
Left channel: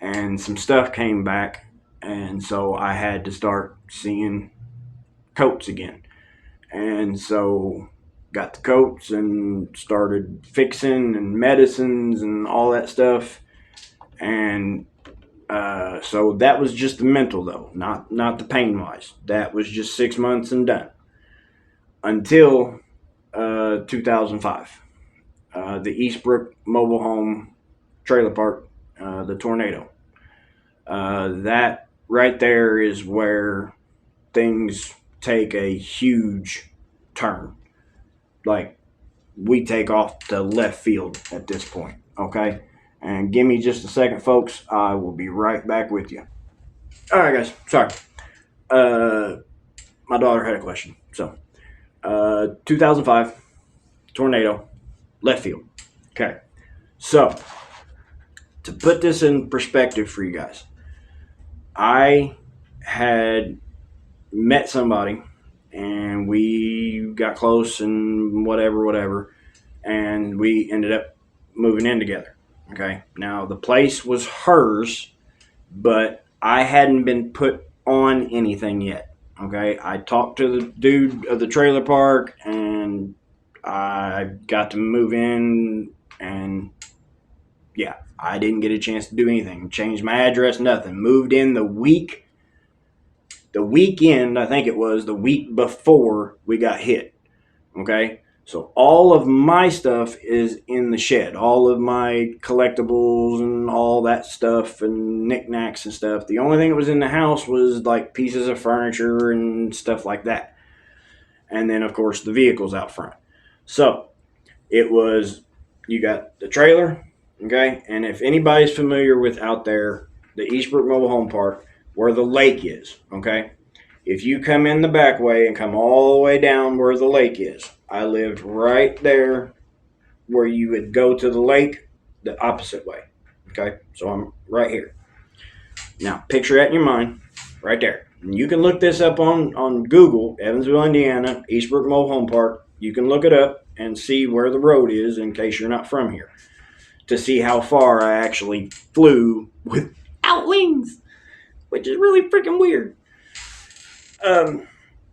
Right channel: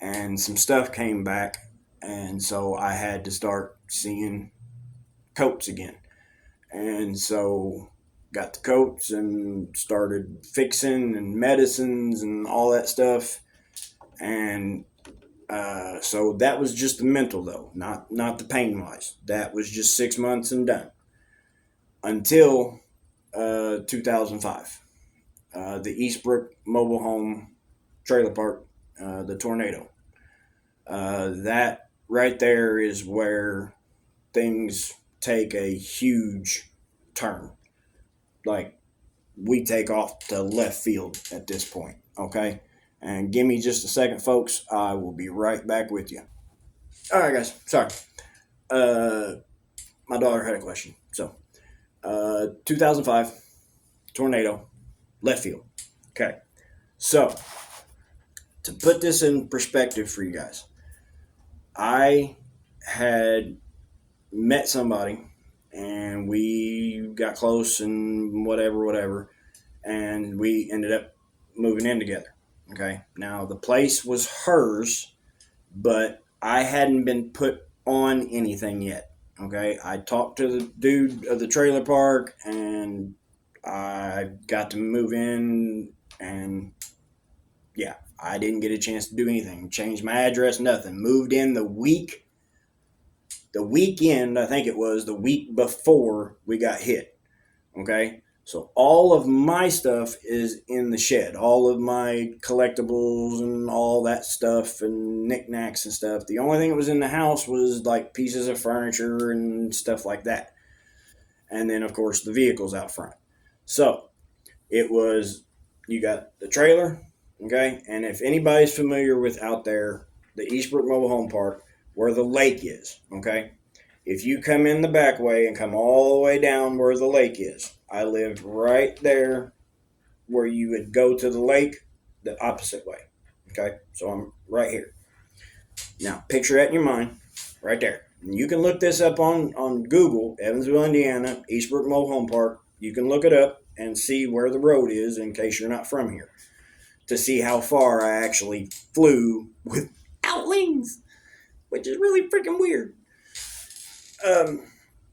and some stuff came back, and so I had to start seeing coats again, and so got the coats and started fixing and medicines and all that stuff, and so that was just the mental though, not the pain wise. That was just 6 months and done until 2005. The Eastbrook mobile home trailer park, the tornado. That right there is where things take a huge turn. Like, we take off to left field at this point, okay? And give me just a second, folks. I will be right back with you. All right, guys. Sorry. My daughter had a question. So, 2005, tornado, left field. Okay. So, to put this in perspective for you guys, I had met somebody and we got close and whatever, and we ended up moving in together. Okay. Now, the place was hers, but I hadn't been put on anything yet. Okay. I talked to the dude of the trailer park and I got to move in, and yeah, I didn't get a chance to do anything. Changed my address, nothing. Moved in the weekend, I think it was the week before we got hit. Okay. So all of my stuff is in the shed. All of my collectibles and all that stuff and knickknacks and stuff. The only thing that was in the house was like pieces of furniture and stuff like that. And then, of course, the vehicles out front. So it was, you got the trailer, okay? And if anybody's familiar with out there, the Eastbrook Mobile Home Park, where the lake is, okay? If you come in the back way and come all the way down where the lake is, I lived right there where you would go to the lake the opposite way. Okay, so I'm right here. Now, picture that in your mind, right there. And you can look this up on Google, Evansville, Indiana, Eastbrook Mobile Home Park. You can look it up and see where the road is in case you're not from here to see how far I actually flew without wings, which is really freaking weird.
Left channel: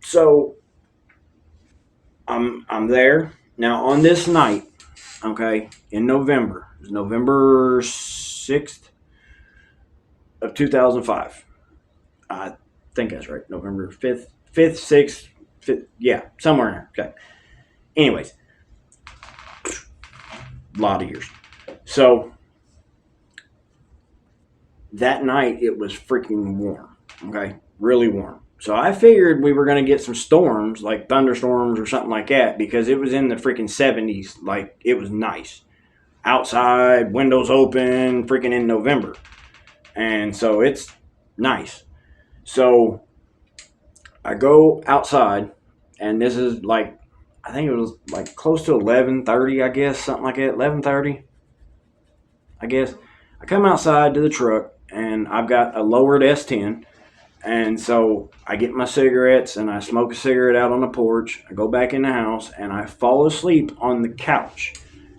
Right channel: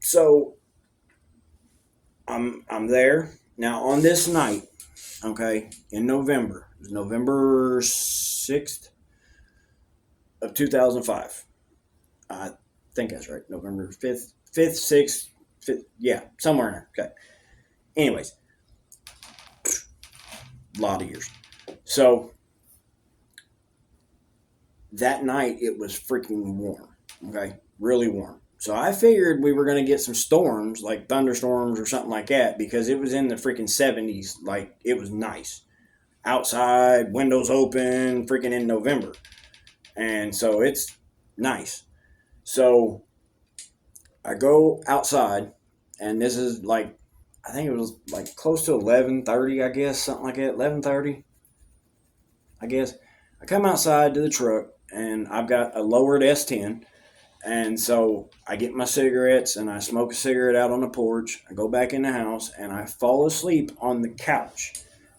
So I'm there now on this night. Okay, in November, it was November 6th of 2005. I think that's right. November 5th, 6th, 5th, yeah, somewhere in there. Okay. Anyways, a lot of years. So that night it was freaking warm. Okay, really warm. So I figured we were going to get some storms, like thunderstorms or something like that, because it was in the freaking 70s. Like, it was nice. Outside, windows open, freaking in November. And so it's nice. So I go outside, and this is like, I think it was like close to 11:30, I guess, something like that. 11:30, I guess. I come outside to the truck, and I've got a lowered S10. And so I get my cigarettes and I smoke a cigarette out on the porch. I go back in the house and I fall asleep on the couch.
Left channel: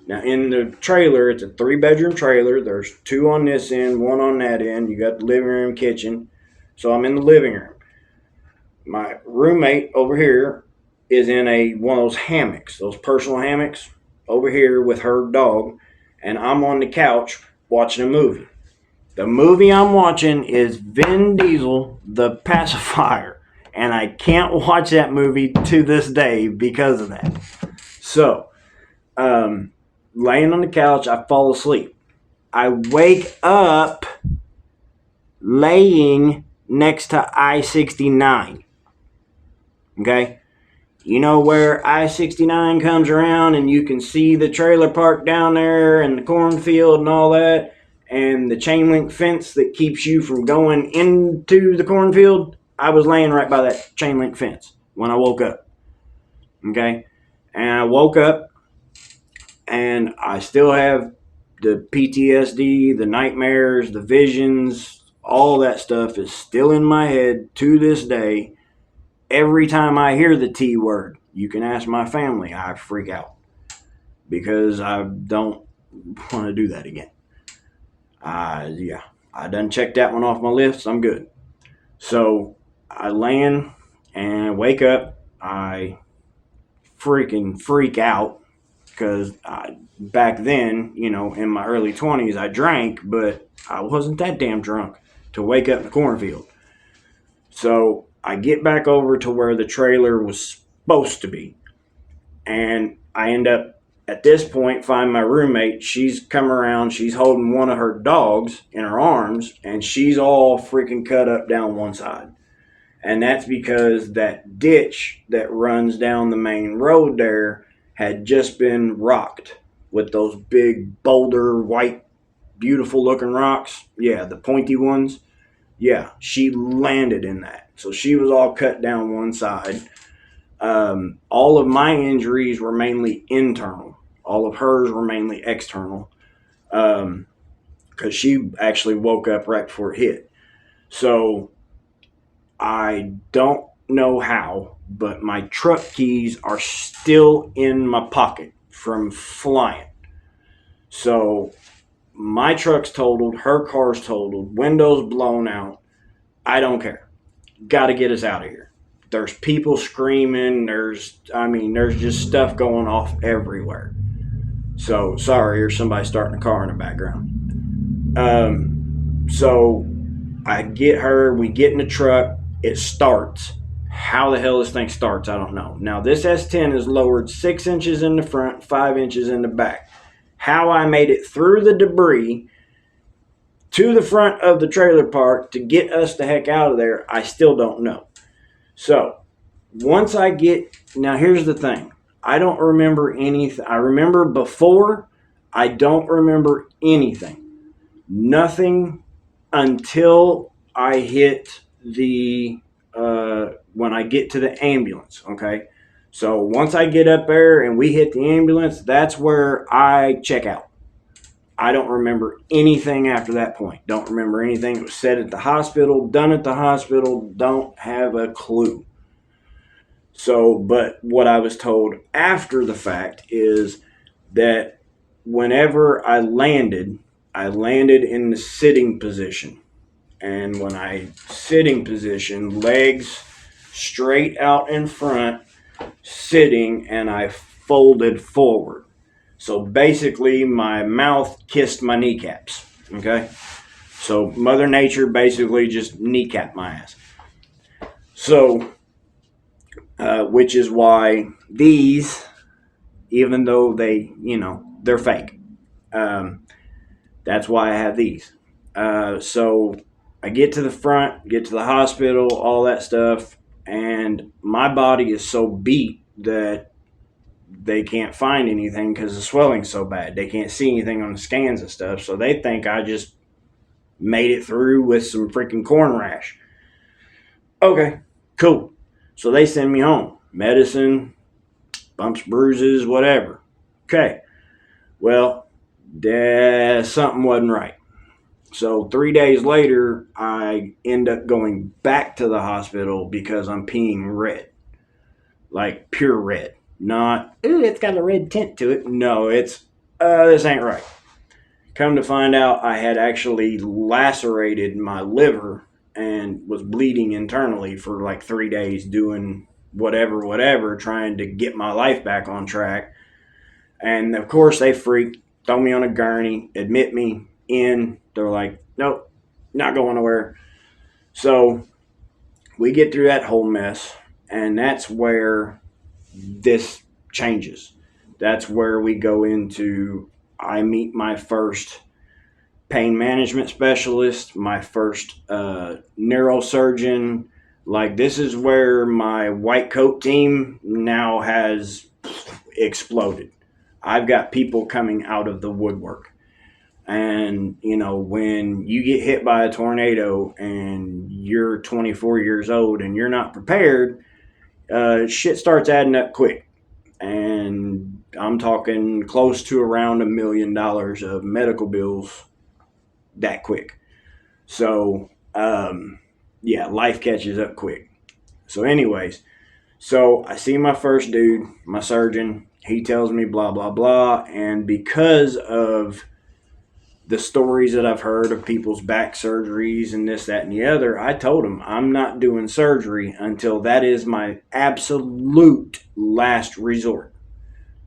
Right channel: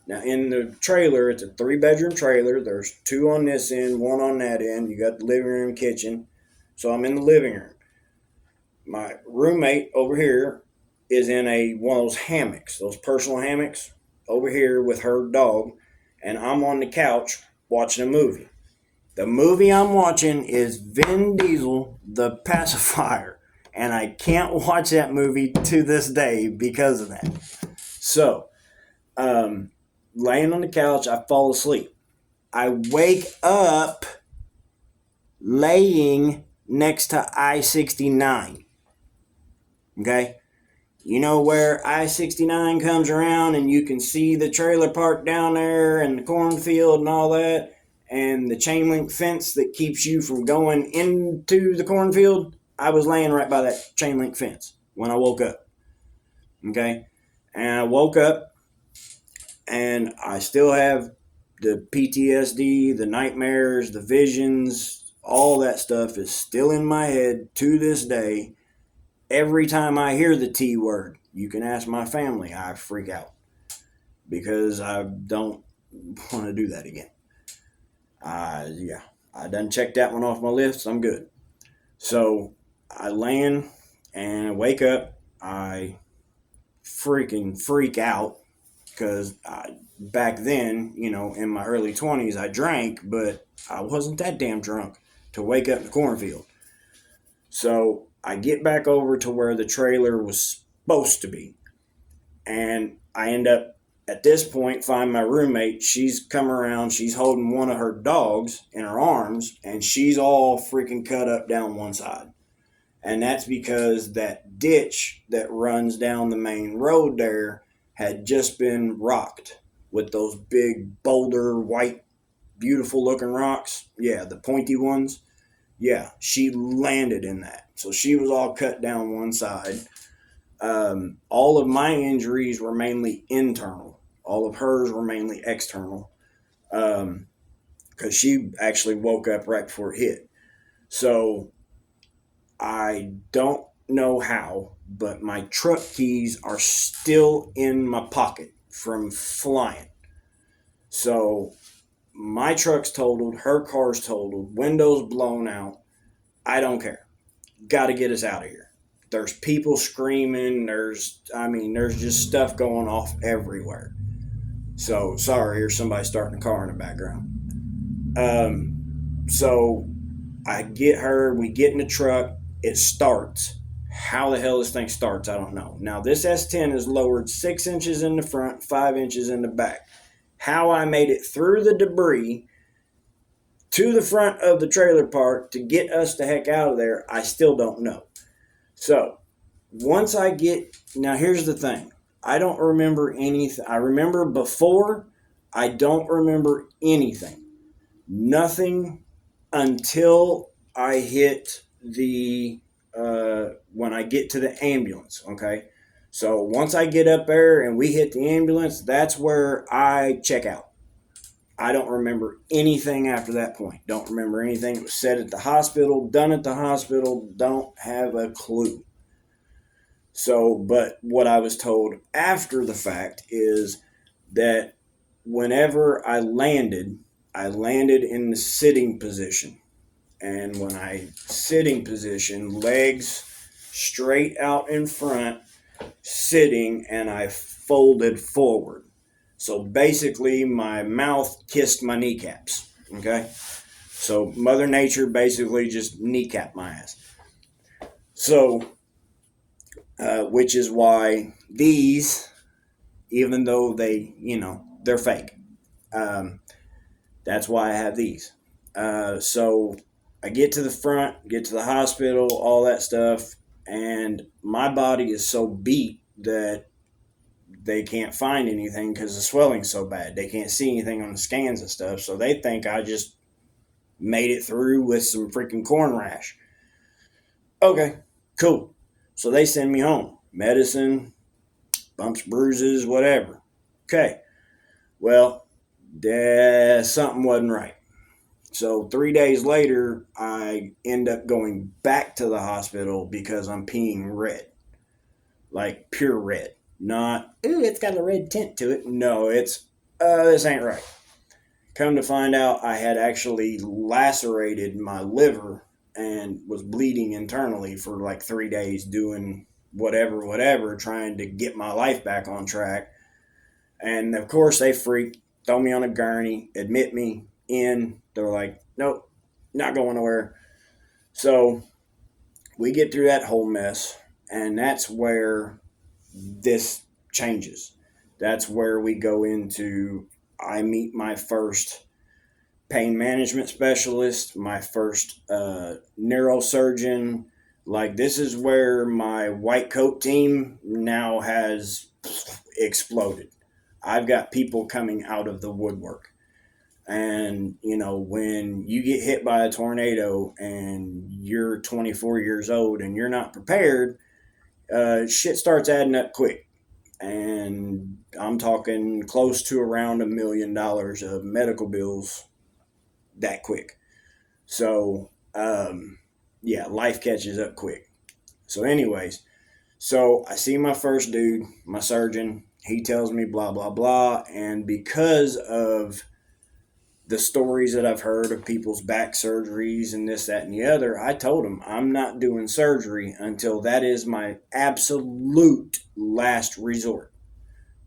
Now, in the trailer, it's a 3-bedroom trailer. There's 2 on this end, 1 on that end. You got the living room, kitchen. So I'm in the living room. My roommate over here is in one of those hammocks, those personal hammocks over here with her dog. And I'm on the couch watching a movie. The movie I'm watching is Vin Diesel, The Pacifier, and I can't watch that movie to this day because of that. So, laying on the couch, I fall asleep. I wake up laying next to I-69. Okay? You know where I-69 comes around and you can see the trailer park down there and the cornfield and all that? And the chain link fence that keeps you from going into the cornfield, I was laying right by that chain link fence when I woke up. Okay? And I woke up and I still have the PTSD, the nightmares, the visions, all that stuff is still in my head to this day. Every time I hear the T word, you can ask my family, I freak out because I don't want to do that again. I done checked that one off my list. I'm good. So I land and wake up. I freaking freak out because back then, in my early 20s, I drank, but I wasn't that damn drunk to wake up in the cornfield. So I get back over to where the trailer was supposed to be. And I end up, at this point, find my roommate. She's come around. She's holding one of her dogs in her arms, and she's all freaking cut up down one side. And that's because that ditch that runs down the main road there had just been rocked with those big boulder, white, beautiful looking rocks. Yeah, the pointy ones. Yeah, she landed in that. So she was all cut down one side. All of my injuries were mainly internal. All of hers were mainly external. Because she actually woke up right before it hit. So I don't know how, but my truck keys are still in my pocket from flying. So my truck's totaled, her car's totaled, windows blown out. I don't care. Got to get us out of here. There's people screaming. There's just stuff going off everywhere. So, sorry, there's somebody starting a car in the background. So I get her, we get in the truck, it starts. How the hell this thing starts, I don't know. Now, this S10 is lowered 6 inches in the front, 5 inches in the back. How I made it through the debris to the front of the trailer park to get us the heck out of there, I still don't know. So, now here's the thing. I don't remember anything. I remember before. I don't remember anything. Nothing until I hit the when I get to the ambulance. Okay. So once I get up there and we hit the ambulance, that's where I check out. I don't remember anything after that point. Don't remember anything that was said at the hospital, done at the hospital. Don't have a clue. So, but what I was told after the fact is that whenever I landed in the sitting position. And when I sitting position, legs straight out in front, sitting, and I folded forward. So basically, my mouth kissed my kneecaps. Okay? So Mother Nature basically just kneecapped my ass. So, which is why these, even though they're fake, that's why I have these. So I get to the front, get to the hospital, all that stuff, and my body is so beat that they can't find anything because the swelling's so bad. They can't see anything on the scans and stuff, so they think I just made it through with some freaking corn rash. Okay, cool. So they send me home. Medicine, bumps, bruises, whatever. Okay. Well, something wasn't right. So 3 days later, I end up going back to the hospital because I'm peeing red. Like pure red. Not, it's got a red tint to it. No, it's, this ain't right. Come to find out, I had actually lacerated my liver and was bleeding internally for like 3 days doing whatever, trying to get my life back on track. And of course, they freaked, throw me on a gurney, admit me in. They're like, nope, not going nowhere. So we get through that whole mess, and that's where this changes. That's where we go into, I meet my first pain management specialist, my first neurosurgeon. Like, this is where my white coat team now has exploded. I've got people coming out of the woodwork. And, when you get hit by a tornado and you're 24 years old and you're not prepared, shit starts adding up quick. And I'm talking close to around $1 million of medical bills that quick. So, life catches up quick. So anyways, I see my first dude, my surgeon. He tells me blah, blah, blah. And because of the stories that I've heard of people's back surgeries and this, that, and the other, I told him I'm not doing surgery until that is my absolute last resort.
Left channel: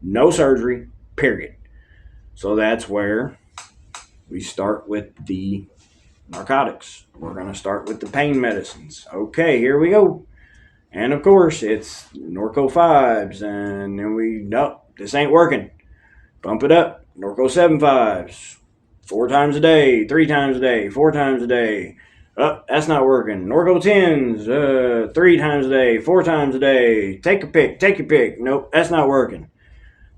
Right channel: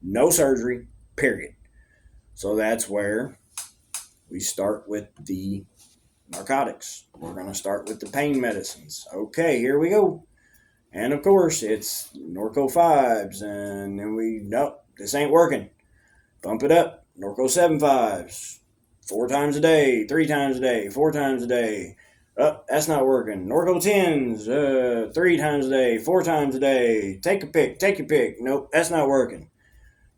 No surgery, period. So that's where we start with the narcotics. We're going to start with the pain medicines. Okay, here we go. And of course, it's Norco 5s, and then nope, this ain't working. Bump it up, Norco 7.5s. 4 times a day, 3 times a day, 4 times a day. Oh, that's not working. Norco 10s, 3 times a day, 4 times a day. Take your pick. Nope, that's not working.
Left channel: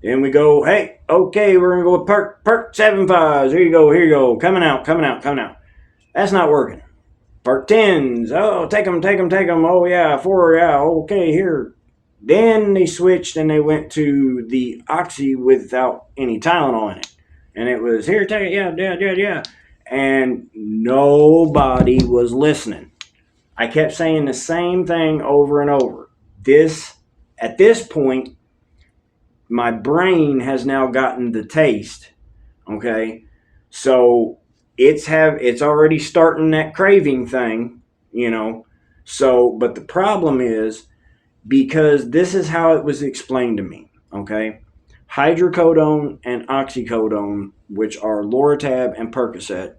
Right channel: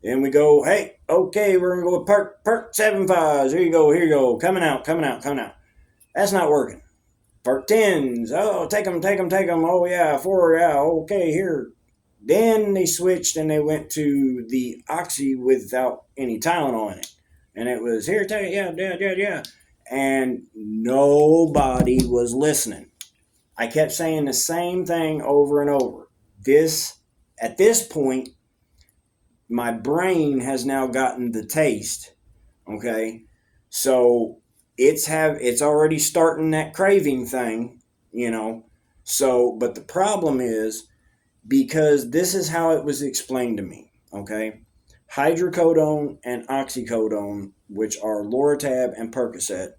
Then we go, hey, okay, we're going to go with perk 7.5s. Here you go. Coming out. That's not working. Perk 10s. Oh, take them. Oh, yeah, 4, yeah, okay, here. Then they switched and they went to the Oxy without any Tylenol in it. And it was, here, take it, yeah. And nobody was listening. I kept saying the same thing over and over. At this point, my brain has now gotten the taste, okay? So it's already starting that craving thing, So, but the problem is, because this is how it was explained to me, okay? Hydrocodone and oxycodone, which are Loratab and Percocet,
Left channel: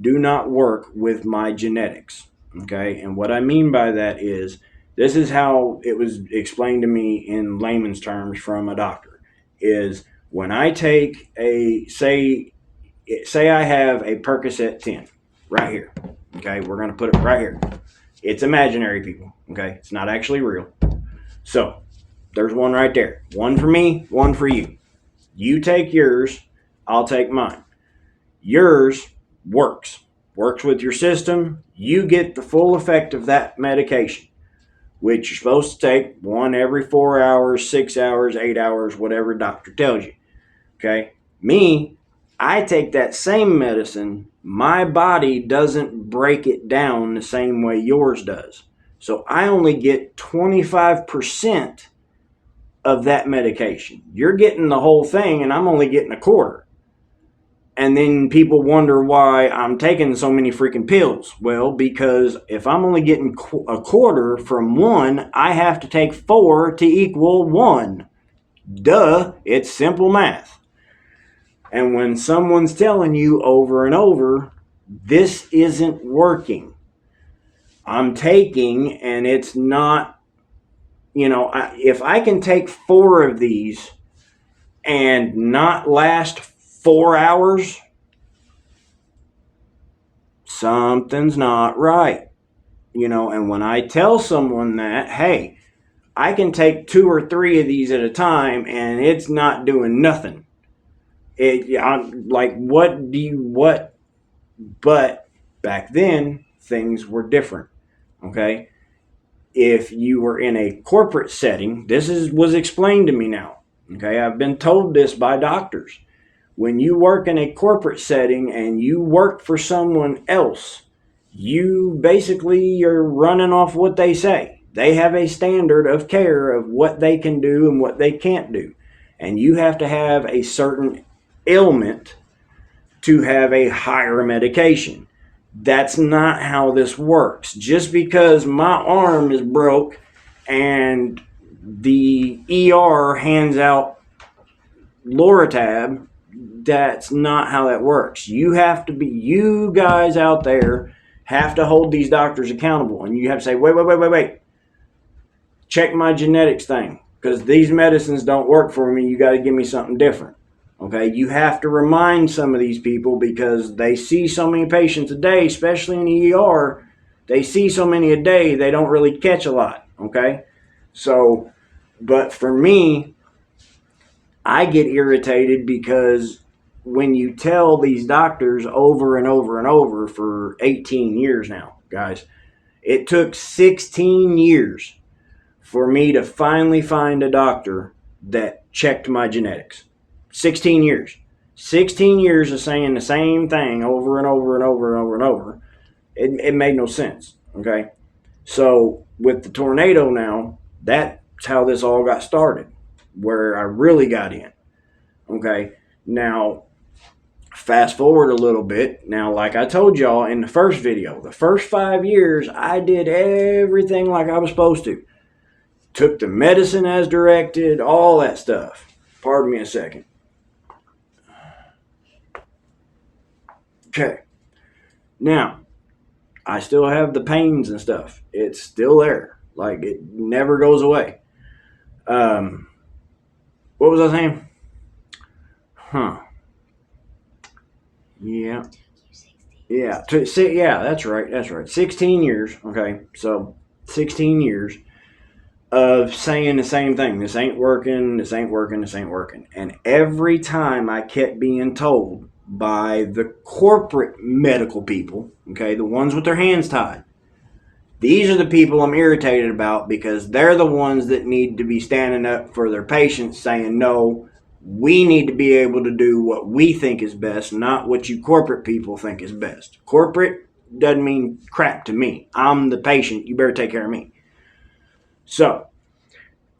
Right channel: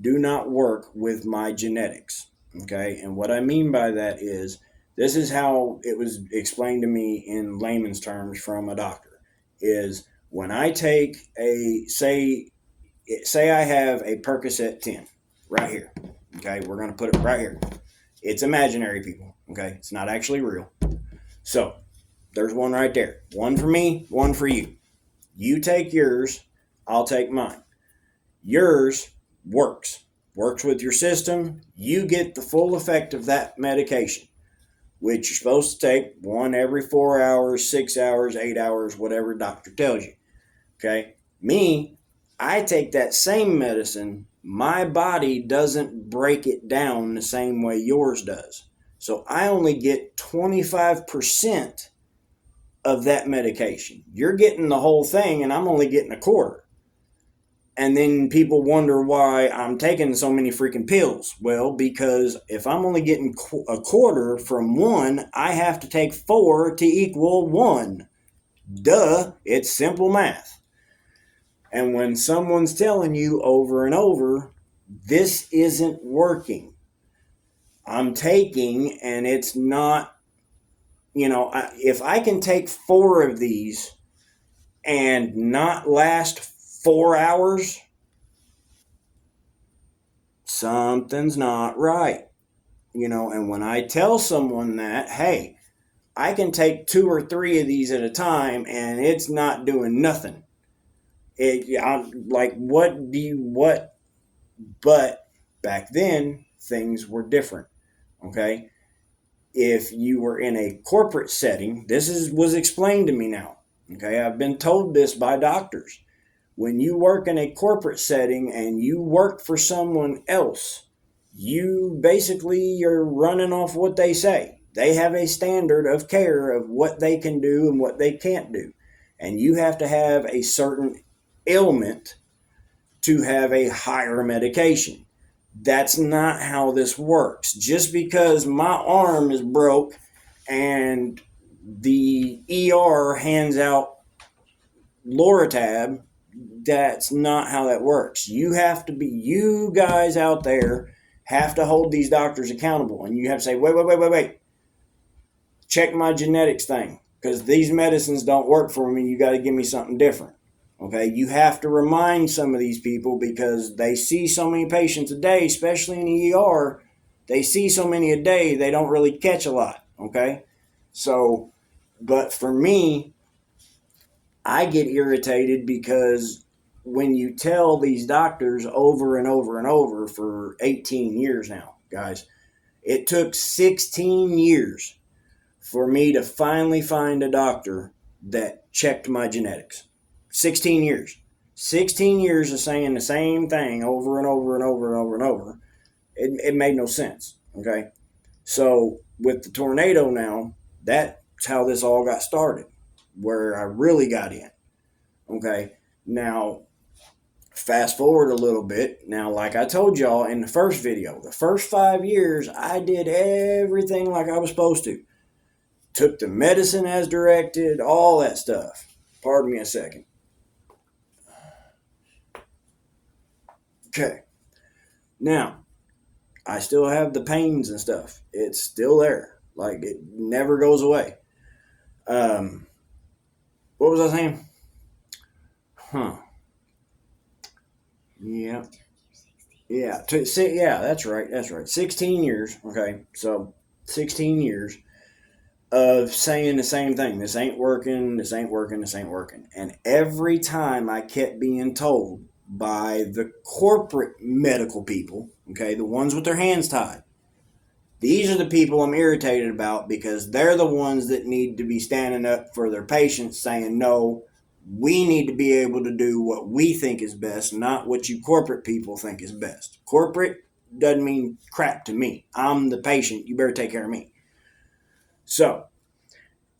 do not work with my genetics, okay? And what I mean by that is, this is how it was explained to me in layman's terms from a doctor, is when I take say I have a Percocet 10 right here, okay? We're going to put it right here. It's imaginary, people, okay? It's not actually real. So, there's one right there. One for me, one for you. You take yours, I'll take mine. Yours works with your system. You get the full effect of that medication. which you're supposed to take one every 4 hours, 6 hours, 8 hours, whatever doctor tells you. Okay? Me, I take that same medicine. My body doesn't break it down the same way yours does. So I only get 25% of that medication. You're getting the whole thing, and I'm only getting a quarter. And then people wonder why I'm taking so many freaking pills. Well, because if I'm only getting a quarter from one, I have to take 4 to equal 1. Duh, it's simple math. And when someone's telling you over and over, this isn't working, I'm taking, and it's not, if I can take 4 of these and not last 4 hours, something's not right. And when I tell someone that, hey, I can take 2 or 3 of these at a time and it's not doing nothing. I'm like, what? But back then, things were different. Okay. If you were in a corporate setting, was explained to me now. Okay. I've been told this by doctors. When you work in a corporate setting and you work for someone else, you're running off what they say. They have a standard of care of what they can do and what they can't do. And you have to have a certain ailment to have a higher medication. That's not how this works. Just because my arm is broke and the ER hands out Loratab, that's not how that works. You guys out there have to hold these doctors accountable, and you have to say, wait, check my genetics thing, because these medicines don't work for me. You got to give me something different. Okay, you have to remind some of these people because they see so many patients a day, especially in the ER. They see so many a day, they don't really catch a lot. Okay, so, but for me, I get irritated because when you tell these doctors over and over and over for 18 years now, guys, it took 16 years for me to finally find a doctor that checked my genetics. 16 years. 16 years of saying the same thing over and over and over and over and over. It made no sense. Okay. So with the tornado now, that's how this all got started, where I really got in. Okay. Now, fast forward a little bit. Now, like I told y'all in the first video, the first 5 years, I did everything like I was supposed to. Took the medicine as directed, all that stuff. Pardon me a second. Okay. Now, I still have the pains and stuff. It's still there. Like, it never goes away. What was I saying? Yeah. Yeah. Yeah, that's right. 16 years. Okay. So, 16 years of saying the same thing. This ain't working. And every time I kept being told by the corporate medical people, okay, the ones with their hands tied, these are the people I'm irritated about because they're the ones that need to be standing up for their patients saying, no, we need to be able to do what we think is best, not what you corporate people think is best. Corporate doesn't mean crap to me. I'm the patient. You better take care of me. So,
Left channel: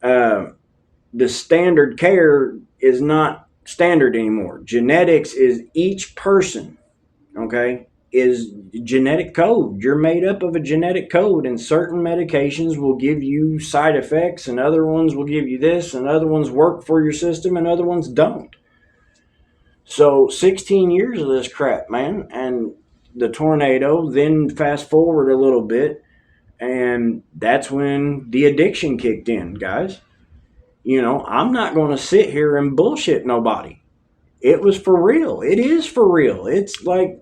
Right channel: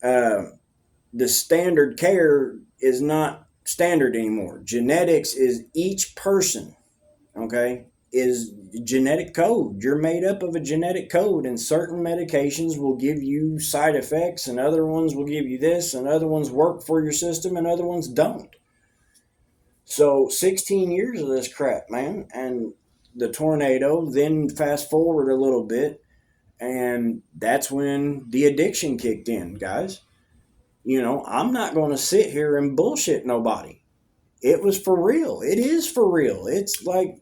the standard care is not standard anymore. Genetics is each person, okay, is genetic code. You're made up of a genetic code, and certain medications will give you side effects, and other ones will give you this, and other ones work for your system, and other ones don't. So 16 years of this crap, man, and the tornado, then fast forward a little bit, and that's when the addiction kicked in, guys. I'm not going to sit here and bullshit nobody. It was for real. It is for real. It's like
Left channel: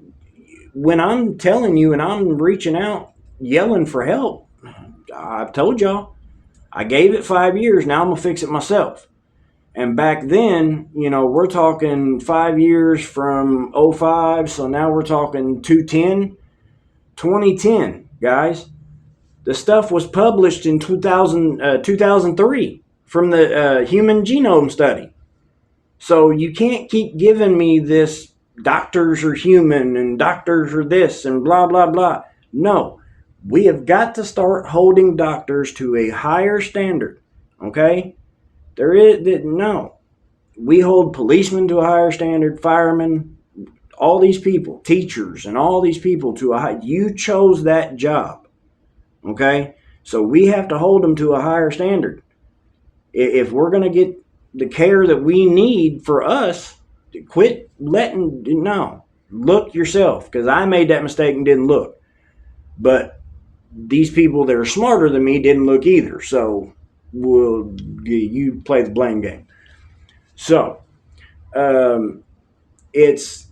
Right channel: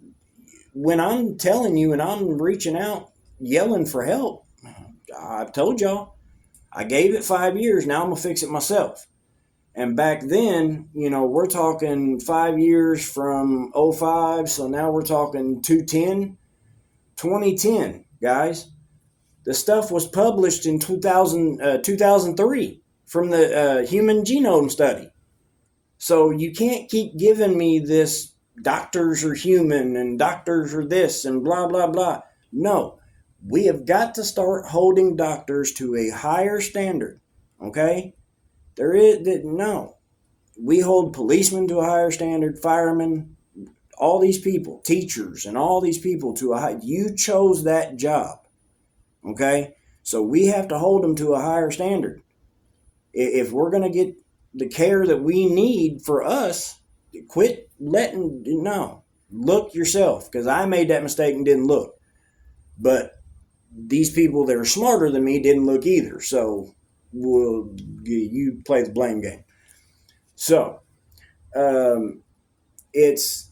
when I'm telling you and I'm reaching out, yelling for help, I've told y'all, I gave it 5 years. Now I'm going to fix it myself. And back then, we're talking 5 years from '05. So now we're talking 2010, guys. The stuff was published in 2003 from the Human Genome Study. So you can't keep giving me this doctors are human and doctors are this and blah, blah, blah. No, we have got to start holding doctors to a higher standard. Okay? There is, no. We hold policemen to a higher standard, firemen, all these people, teachers, and all these people to a high. You chose that job. Okay? So we have to hold them to a higher standard. If we're going to get the care that we need for us, quit letting, no, look yourself, because I made that mistake and didn't look. But these people that are smarter than me didn't look either. So you play the blame game. So it's,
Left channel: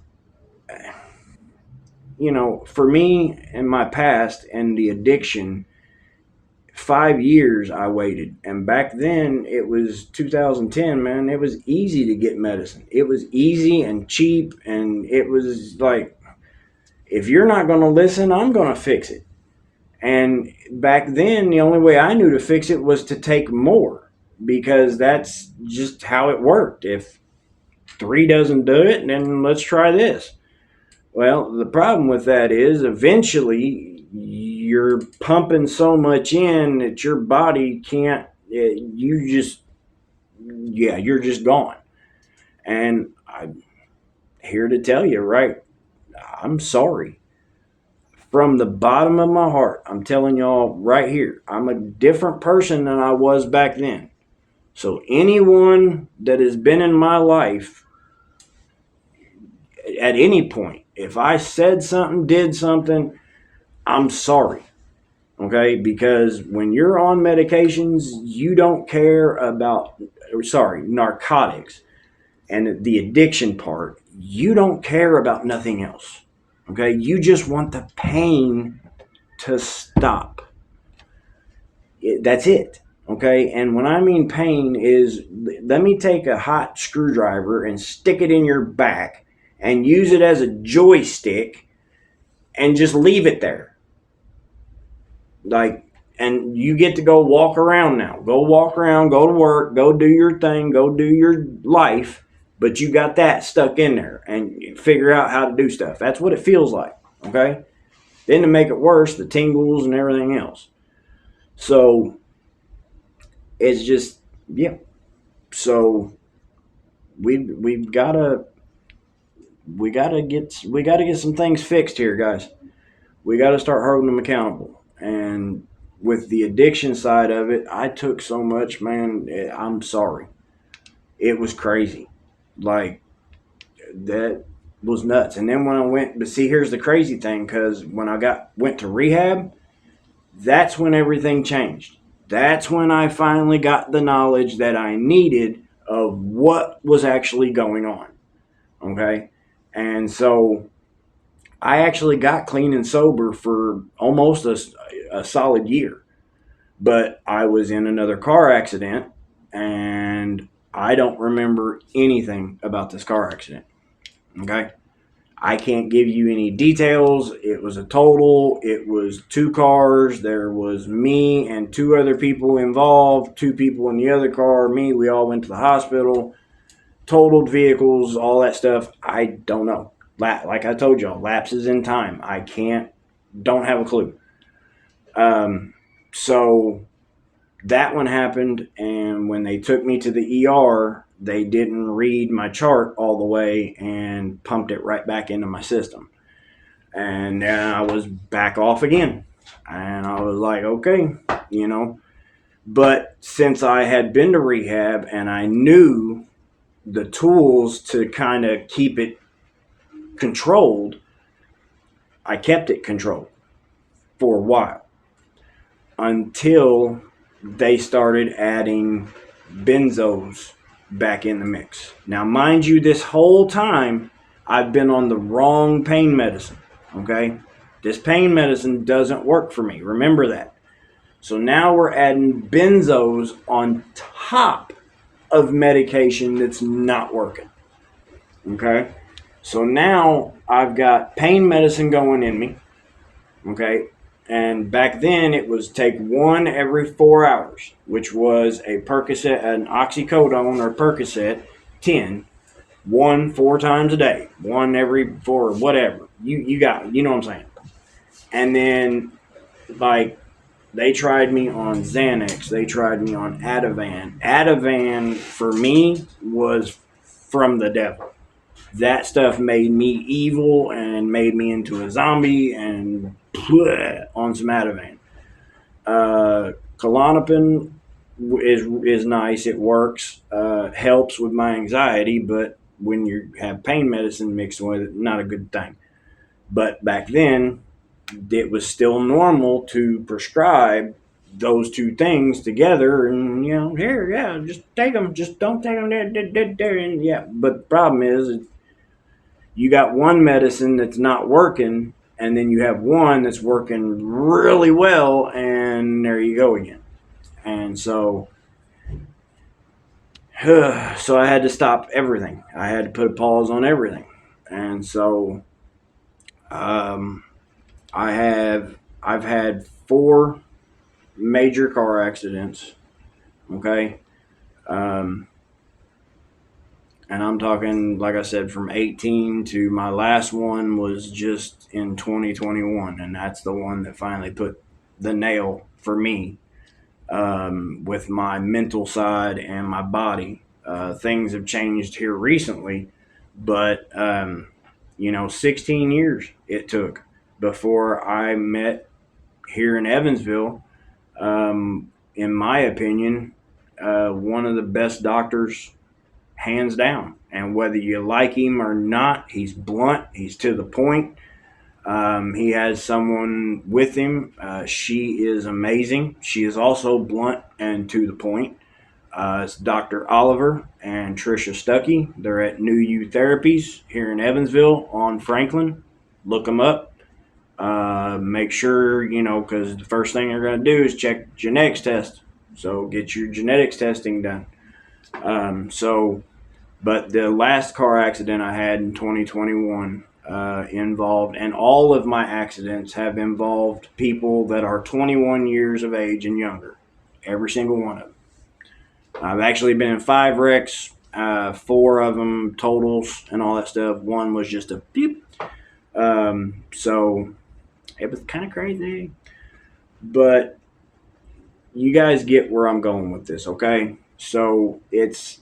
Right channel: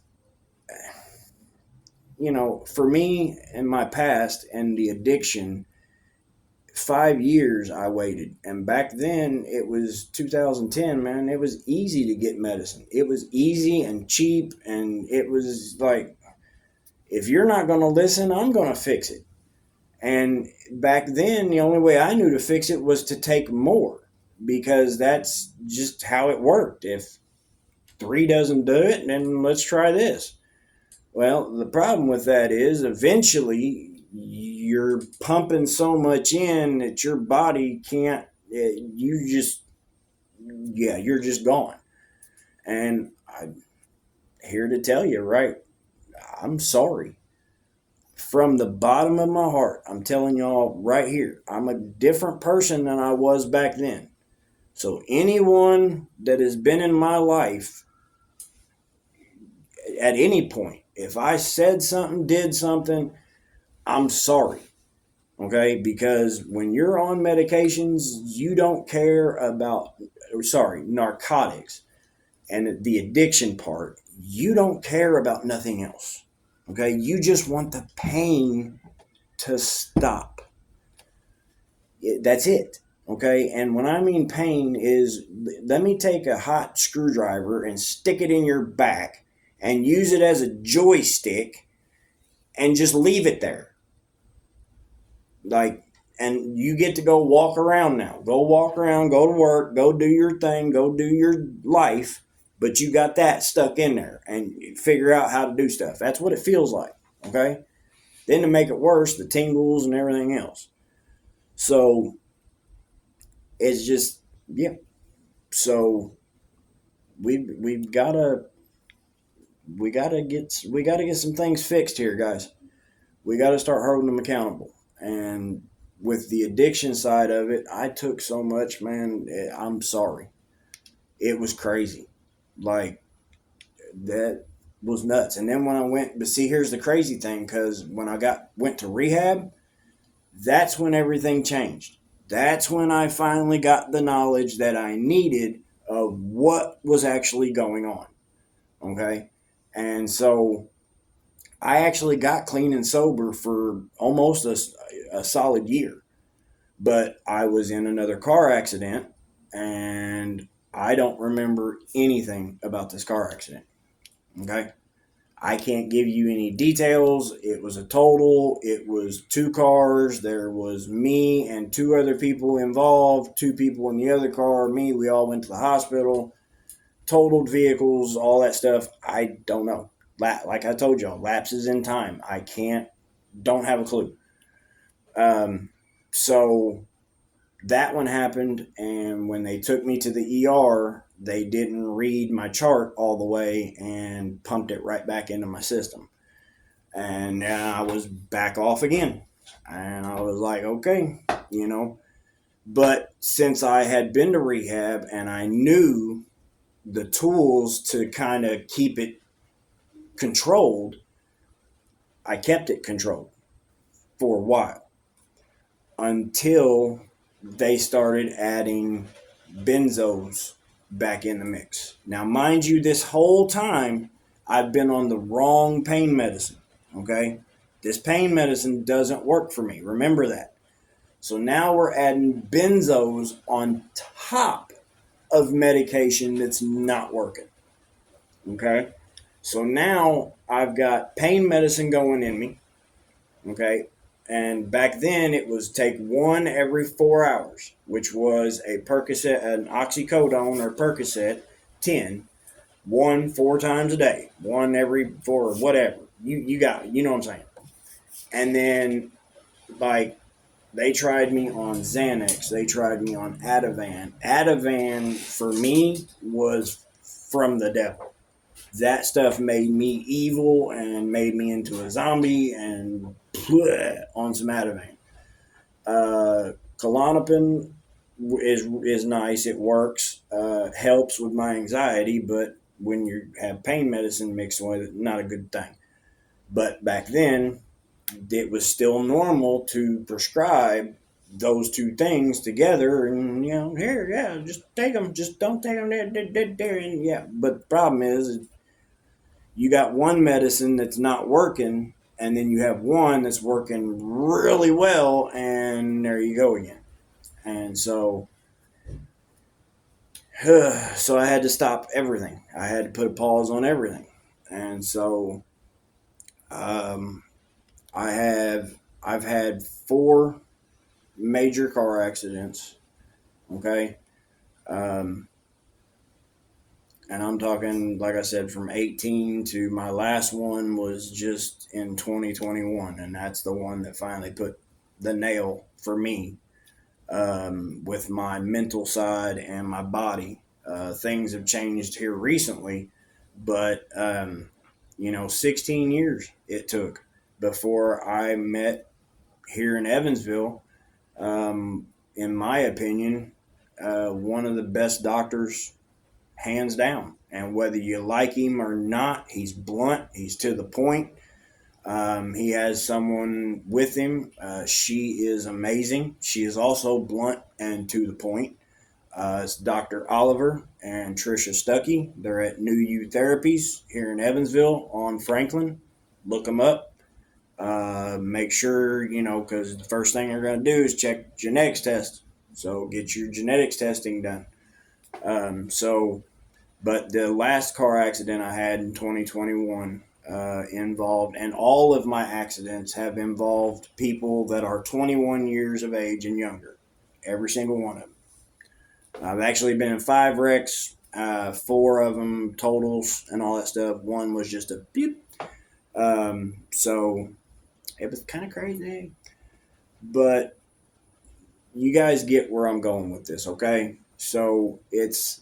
for me in my past and the addiction, 5 years I waited. And back then it was 2010, man. It was easy to get medicine. It was easy and cheap. And it was like, if you're not going to listen, I'm going to fix it. And back then, the only way I knew to fix it was to take more, because that's just how it worked. If 3 doesn't do it, then let's try this. Well, the problem with that is eventually you're pumping so much in that your body can't, you're just gone. And I'm here to tell you, right, I'm sorry. From the bottom of my heart, I'm telling y'all right here, I'm a different person than I was back then. So anyone that has been in my life at any point, if I said something, did something, I'm sorry. Okay? Because when you're on medications, you don't care about, narcotics and the addiction part, you don't care about nothing else. Okay? You just want the pain to stop. That's it. Okay? And when I mean pain is, let me take a hot screwdriver and stick it in your back and use it as a joystick and just leave it there. Like, and you get to go walk around now. Go walk around, go to work, go do your thing, go do your life, but you got that stuck in there and figure out how to do stuff. That's what it feels like, okay? Then to make it worse, the tingles and everything else. So it's just, yeah. So we've gotta get some things fixed here, guys. We got to start holding them accountable. And with the addiction side of it, I took so much, man. I'm sorry. It was crazy. Like, that was nuts. And then when I went, but see, here's the crazy thing, because when I went to rehab, that's when everything changed. That's when I finally got the knowledge that I needed of what was actually going on. Okay? And so I actually got clean and sober for almost a solid year. But I was in another car accident, and I don't remember anything about this car accident. Okay? I can't give you any details. It was a total. It was 2 cars. There was me and 2 other people involved. 2 people in the other car. Me, we all went to the hospital. Totaled vehicles, all that stuff. I don't know. Like I told y'all, lapses in time. Don't have a clue. So that one happened, and when they took me to the ER, they didn't read my chart all the way and pumped it right back into my system. And then I was back off again. And I was like, okay, But since I had been to rehab and I knew the tools to kind of keep it controlled, I kept it controlled for a while until they started adding benzos back in the mix. Now, mind you, this whole time I've been on the wrong pain medicine, okay? This pain medicine doesn't work for me. Remember that. So now we're adding benzos on top of medication that's not working, okay? So now I've got pain medicine going in me, okay? And back then it was take one every 4 hours, which was a Percocet, an oxycodone or Percocet 10, one 4 times a day, one every four, whatever. You got, you know what I'm saying? And then, like, they tried me on Xanax. They tried me on Ativan. Ativan, for me, was from the devil. That stuff made me evil and made me into a zombie and on some Ativan. Klonopin is nice. It works. Helps with my anxiety, but when you have pain medicine mixed with it, not a good thing. But back then, it was still normal to prescribe those two things together, and here, yeah, just take them, just don't take them there, and yeah. But the problem is, you got one medicine that's not working, and then you have one that's working really well, and there you go again. And so I had to stop everything. I had to put a pause on everything, and so um, I've had four major car accidents. Okay, um, and I'm talking, like I said, from 18 to my last one was just in 2021, and that's the one that finally put the nail for me, with my mental side and my body. Things have changed here recently, but 16 years it took before I met here in Evansville. In my opinion, one of the best doctors, hands down. And whether you like him or not, he's blunt. He's to the point. He has someone with him. She is amazing. She is also blunt and to the point. It's Dr. Oliver and Trisha Stuckey. They're at New You Therapies here in Evansville on Franklin. Look them up. Make sure, because the first thing they're going to do is check genetics test. So get your genetics testing done. But the last car accident I had in 2021 involved, and all of my accidents have involved people that are 21 years of age and younger. Every single one of them. I've actually been in 5 wrecks, 4 of them totals and all that stuff. One was just a beep. So it was kind of crazy. But you guys get where I'm going with this, okay? So it's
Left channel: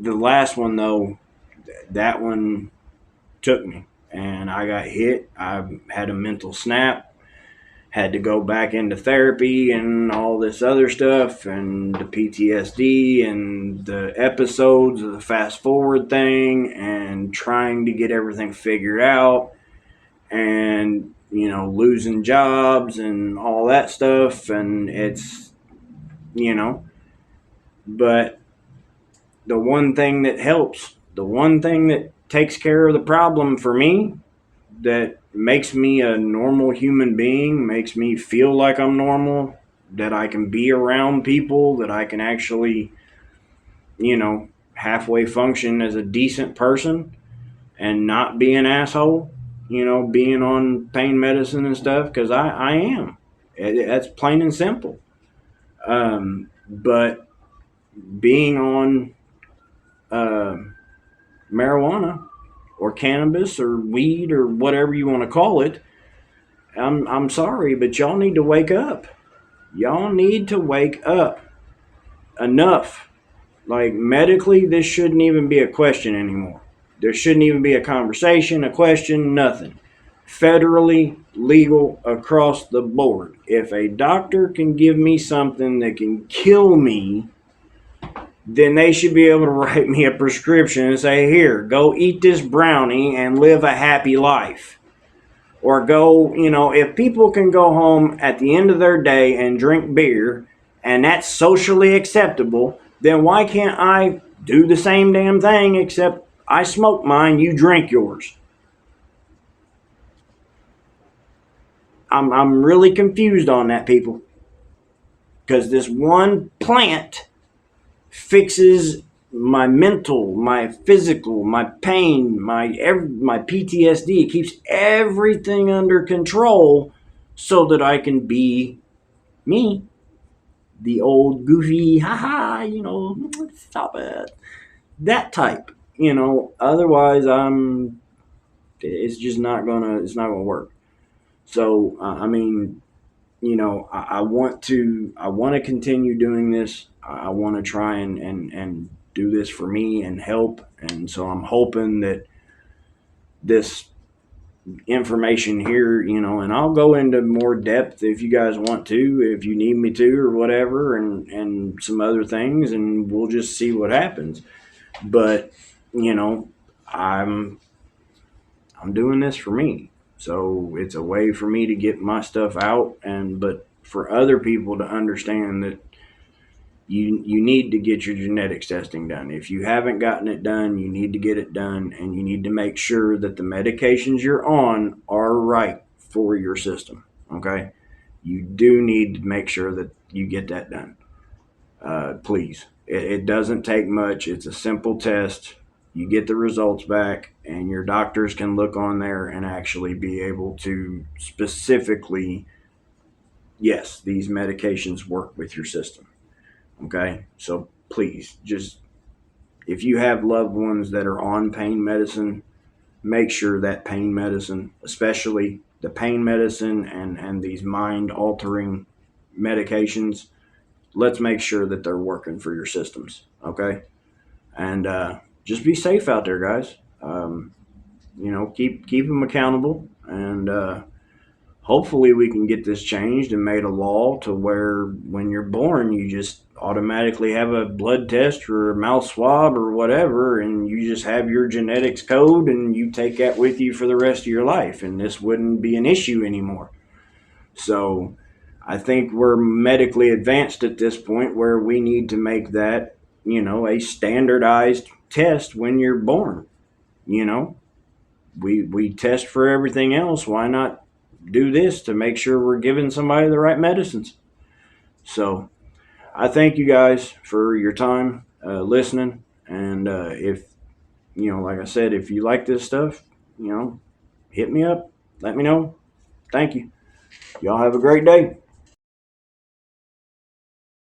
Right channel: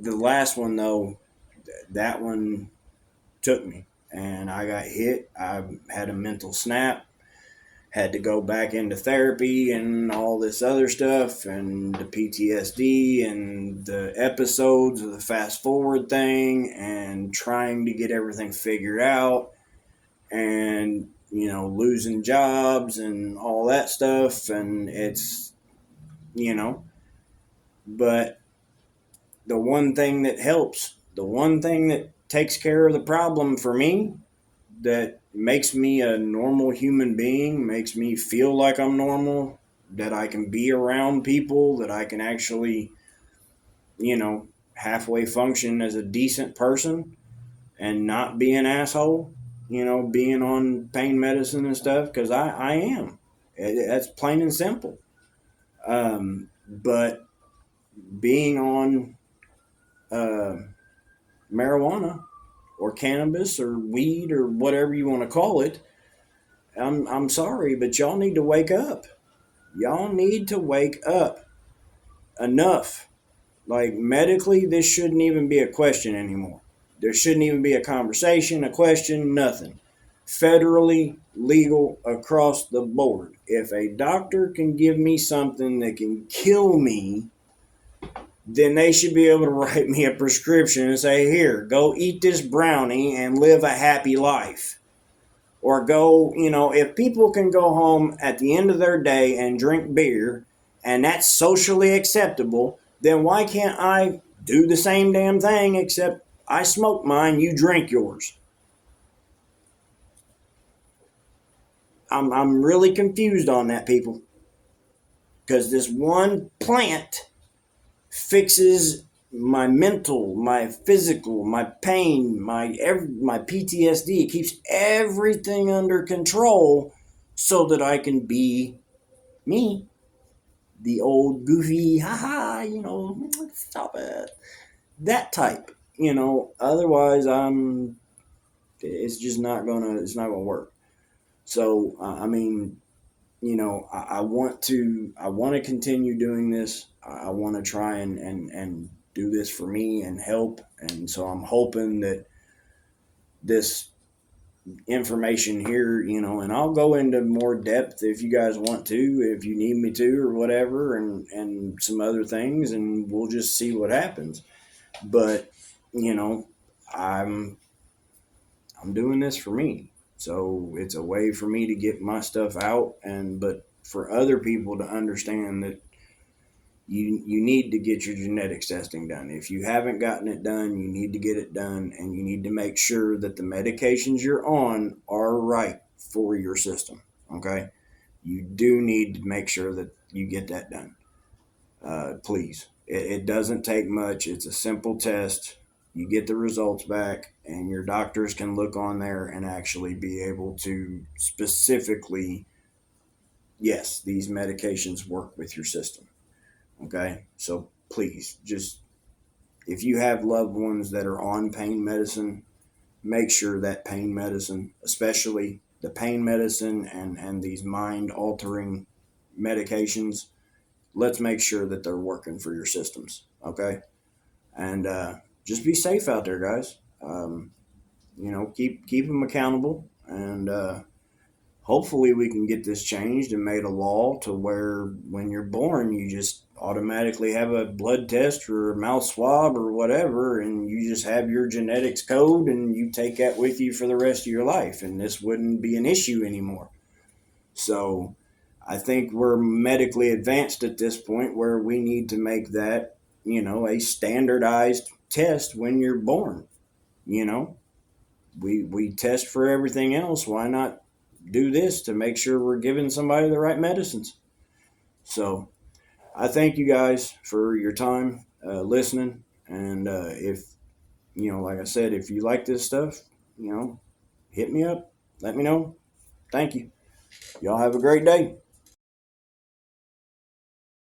the last one, though. That one took me, and I got hit. I had a mental snap, had to go back into therapy and all this other stuff, and the PTSD and the episodes of the fast forward thing, and trying to get everything figured out, and losing jobs and all that stuff. And it's but the one thing that helps, the one thing that takes care of the problem for me, that makes me a normal human being, makes me feel like I'm normal, that I can be around people, that I can actually, halfway function as a decent person and not be an asshole, being on pain medicine and stuff, because I am. That's plain and simple. But being on uh, marijuana or cannabis or weed or whatever you want to call it, I'm sorry, but y'all need to wake up. Y'all need to wake up. Enough. Like, medically, this shouldn't even be a question anymore. There shouldn't even be a conversation, a question, nothing. Federally legal across the board. If a doctor can give me something that can kill me, then they should be able to write me a prescription and say, here, go eat this brownie and live a happy life. Or go, if people can go home at the end of their day and drink beer, and that's socially acceptable, then why can't I do the same damn thing, except I smoke mine, you drink yours? I'm really confused on that, people. Because this one plant fixes my mental, my physical, my pain, my PTSD. It keeps everything under control, so that I can be me, the old goofy, haha, stop it, that type. Otherwise, it's not gonna work. So, I mean, I want to continue doing this. I want to try and do this for me and help. And so I'm hoping that this information here, and I'll go into more depth if you guys want to, if you need me to, or whatever, and some other things, and we'll just see what happens. But, you know, I'm I'm doing this for me. So it's a way for me to get my stuff out, and but for other people to understand that you need to get your genetics testing done. If you haven't gotten it done, you need to get it done, and you need to make sure that the medications you're on are right for your system. Okay, you do need to make sure that you get that done. Please, it doesn't take much. It's a simple test. You get the results back, and your doctors can look on there and actually be able to specifically, yes, these medications work with your system. Okay, so please, just if you have loved ones that are on pain medicine, make sure that pain medicine, especially the pain medicine and these mind altering medications, let's make sure that they're working for your systems. Okay, and just be safe out there, guys. Keep them accountable, and hopefully we can get this changed and made a law to where when you're born you just automatically have a blood test or a mouth swab or whatever, and you just have your genetics code and you take that with you for the rest of your life, and this wouldn't be an issue anymore. So I think we're medically advanced at this point where we need to make that, a standardized test when you're born. You know, we test for everything else. Why not do this to make sure we're giving somebody the right medicines? So I thank you guys for your time listening. And if, like I said, if you like this stuff, hit me up. Let me know. Thank you. Y'all have a great day.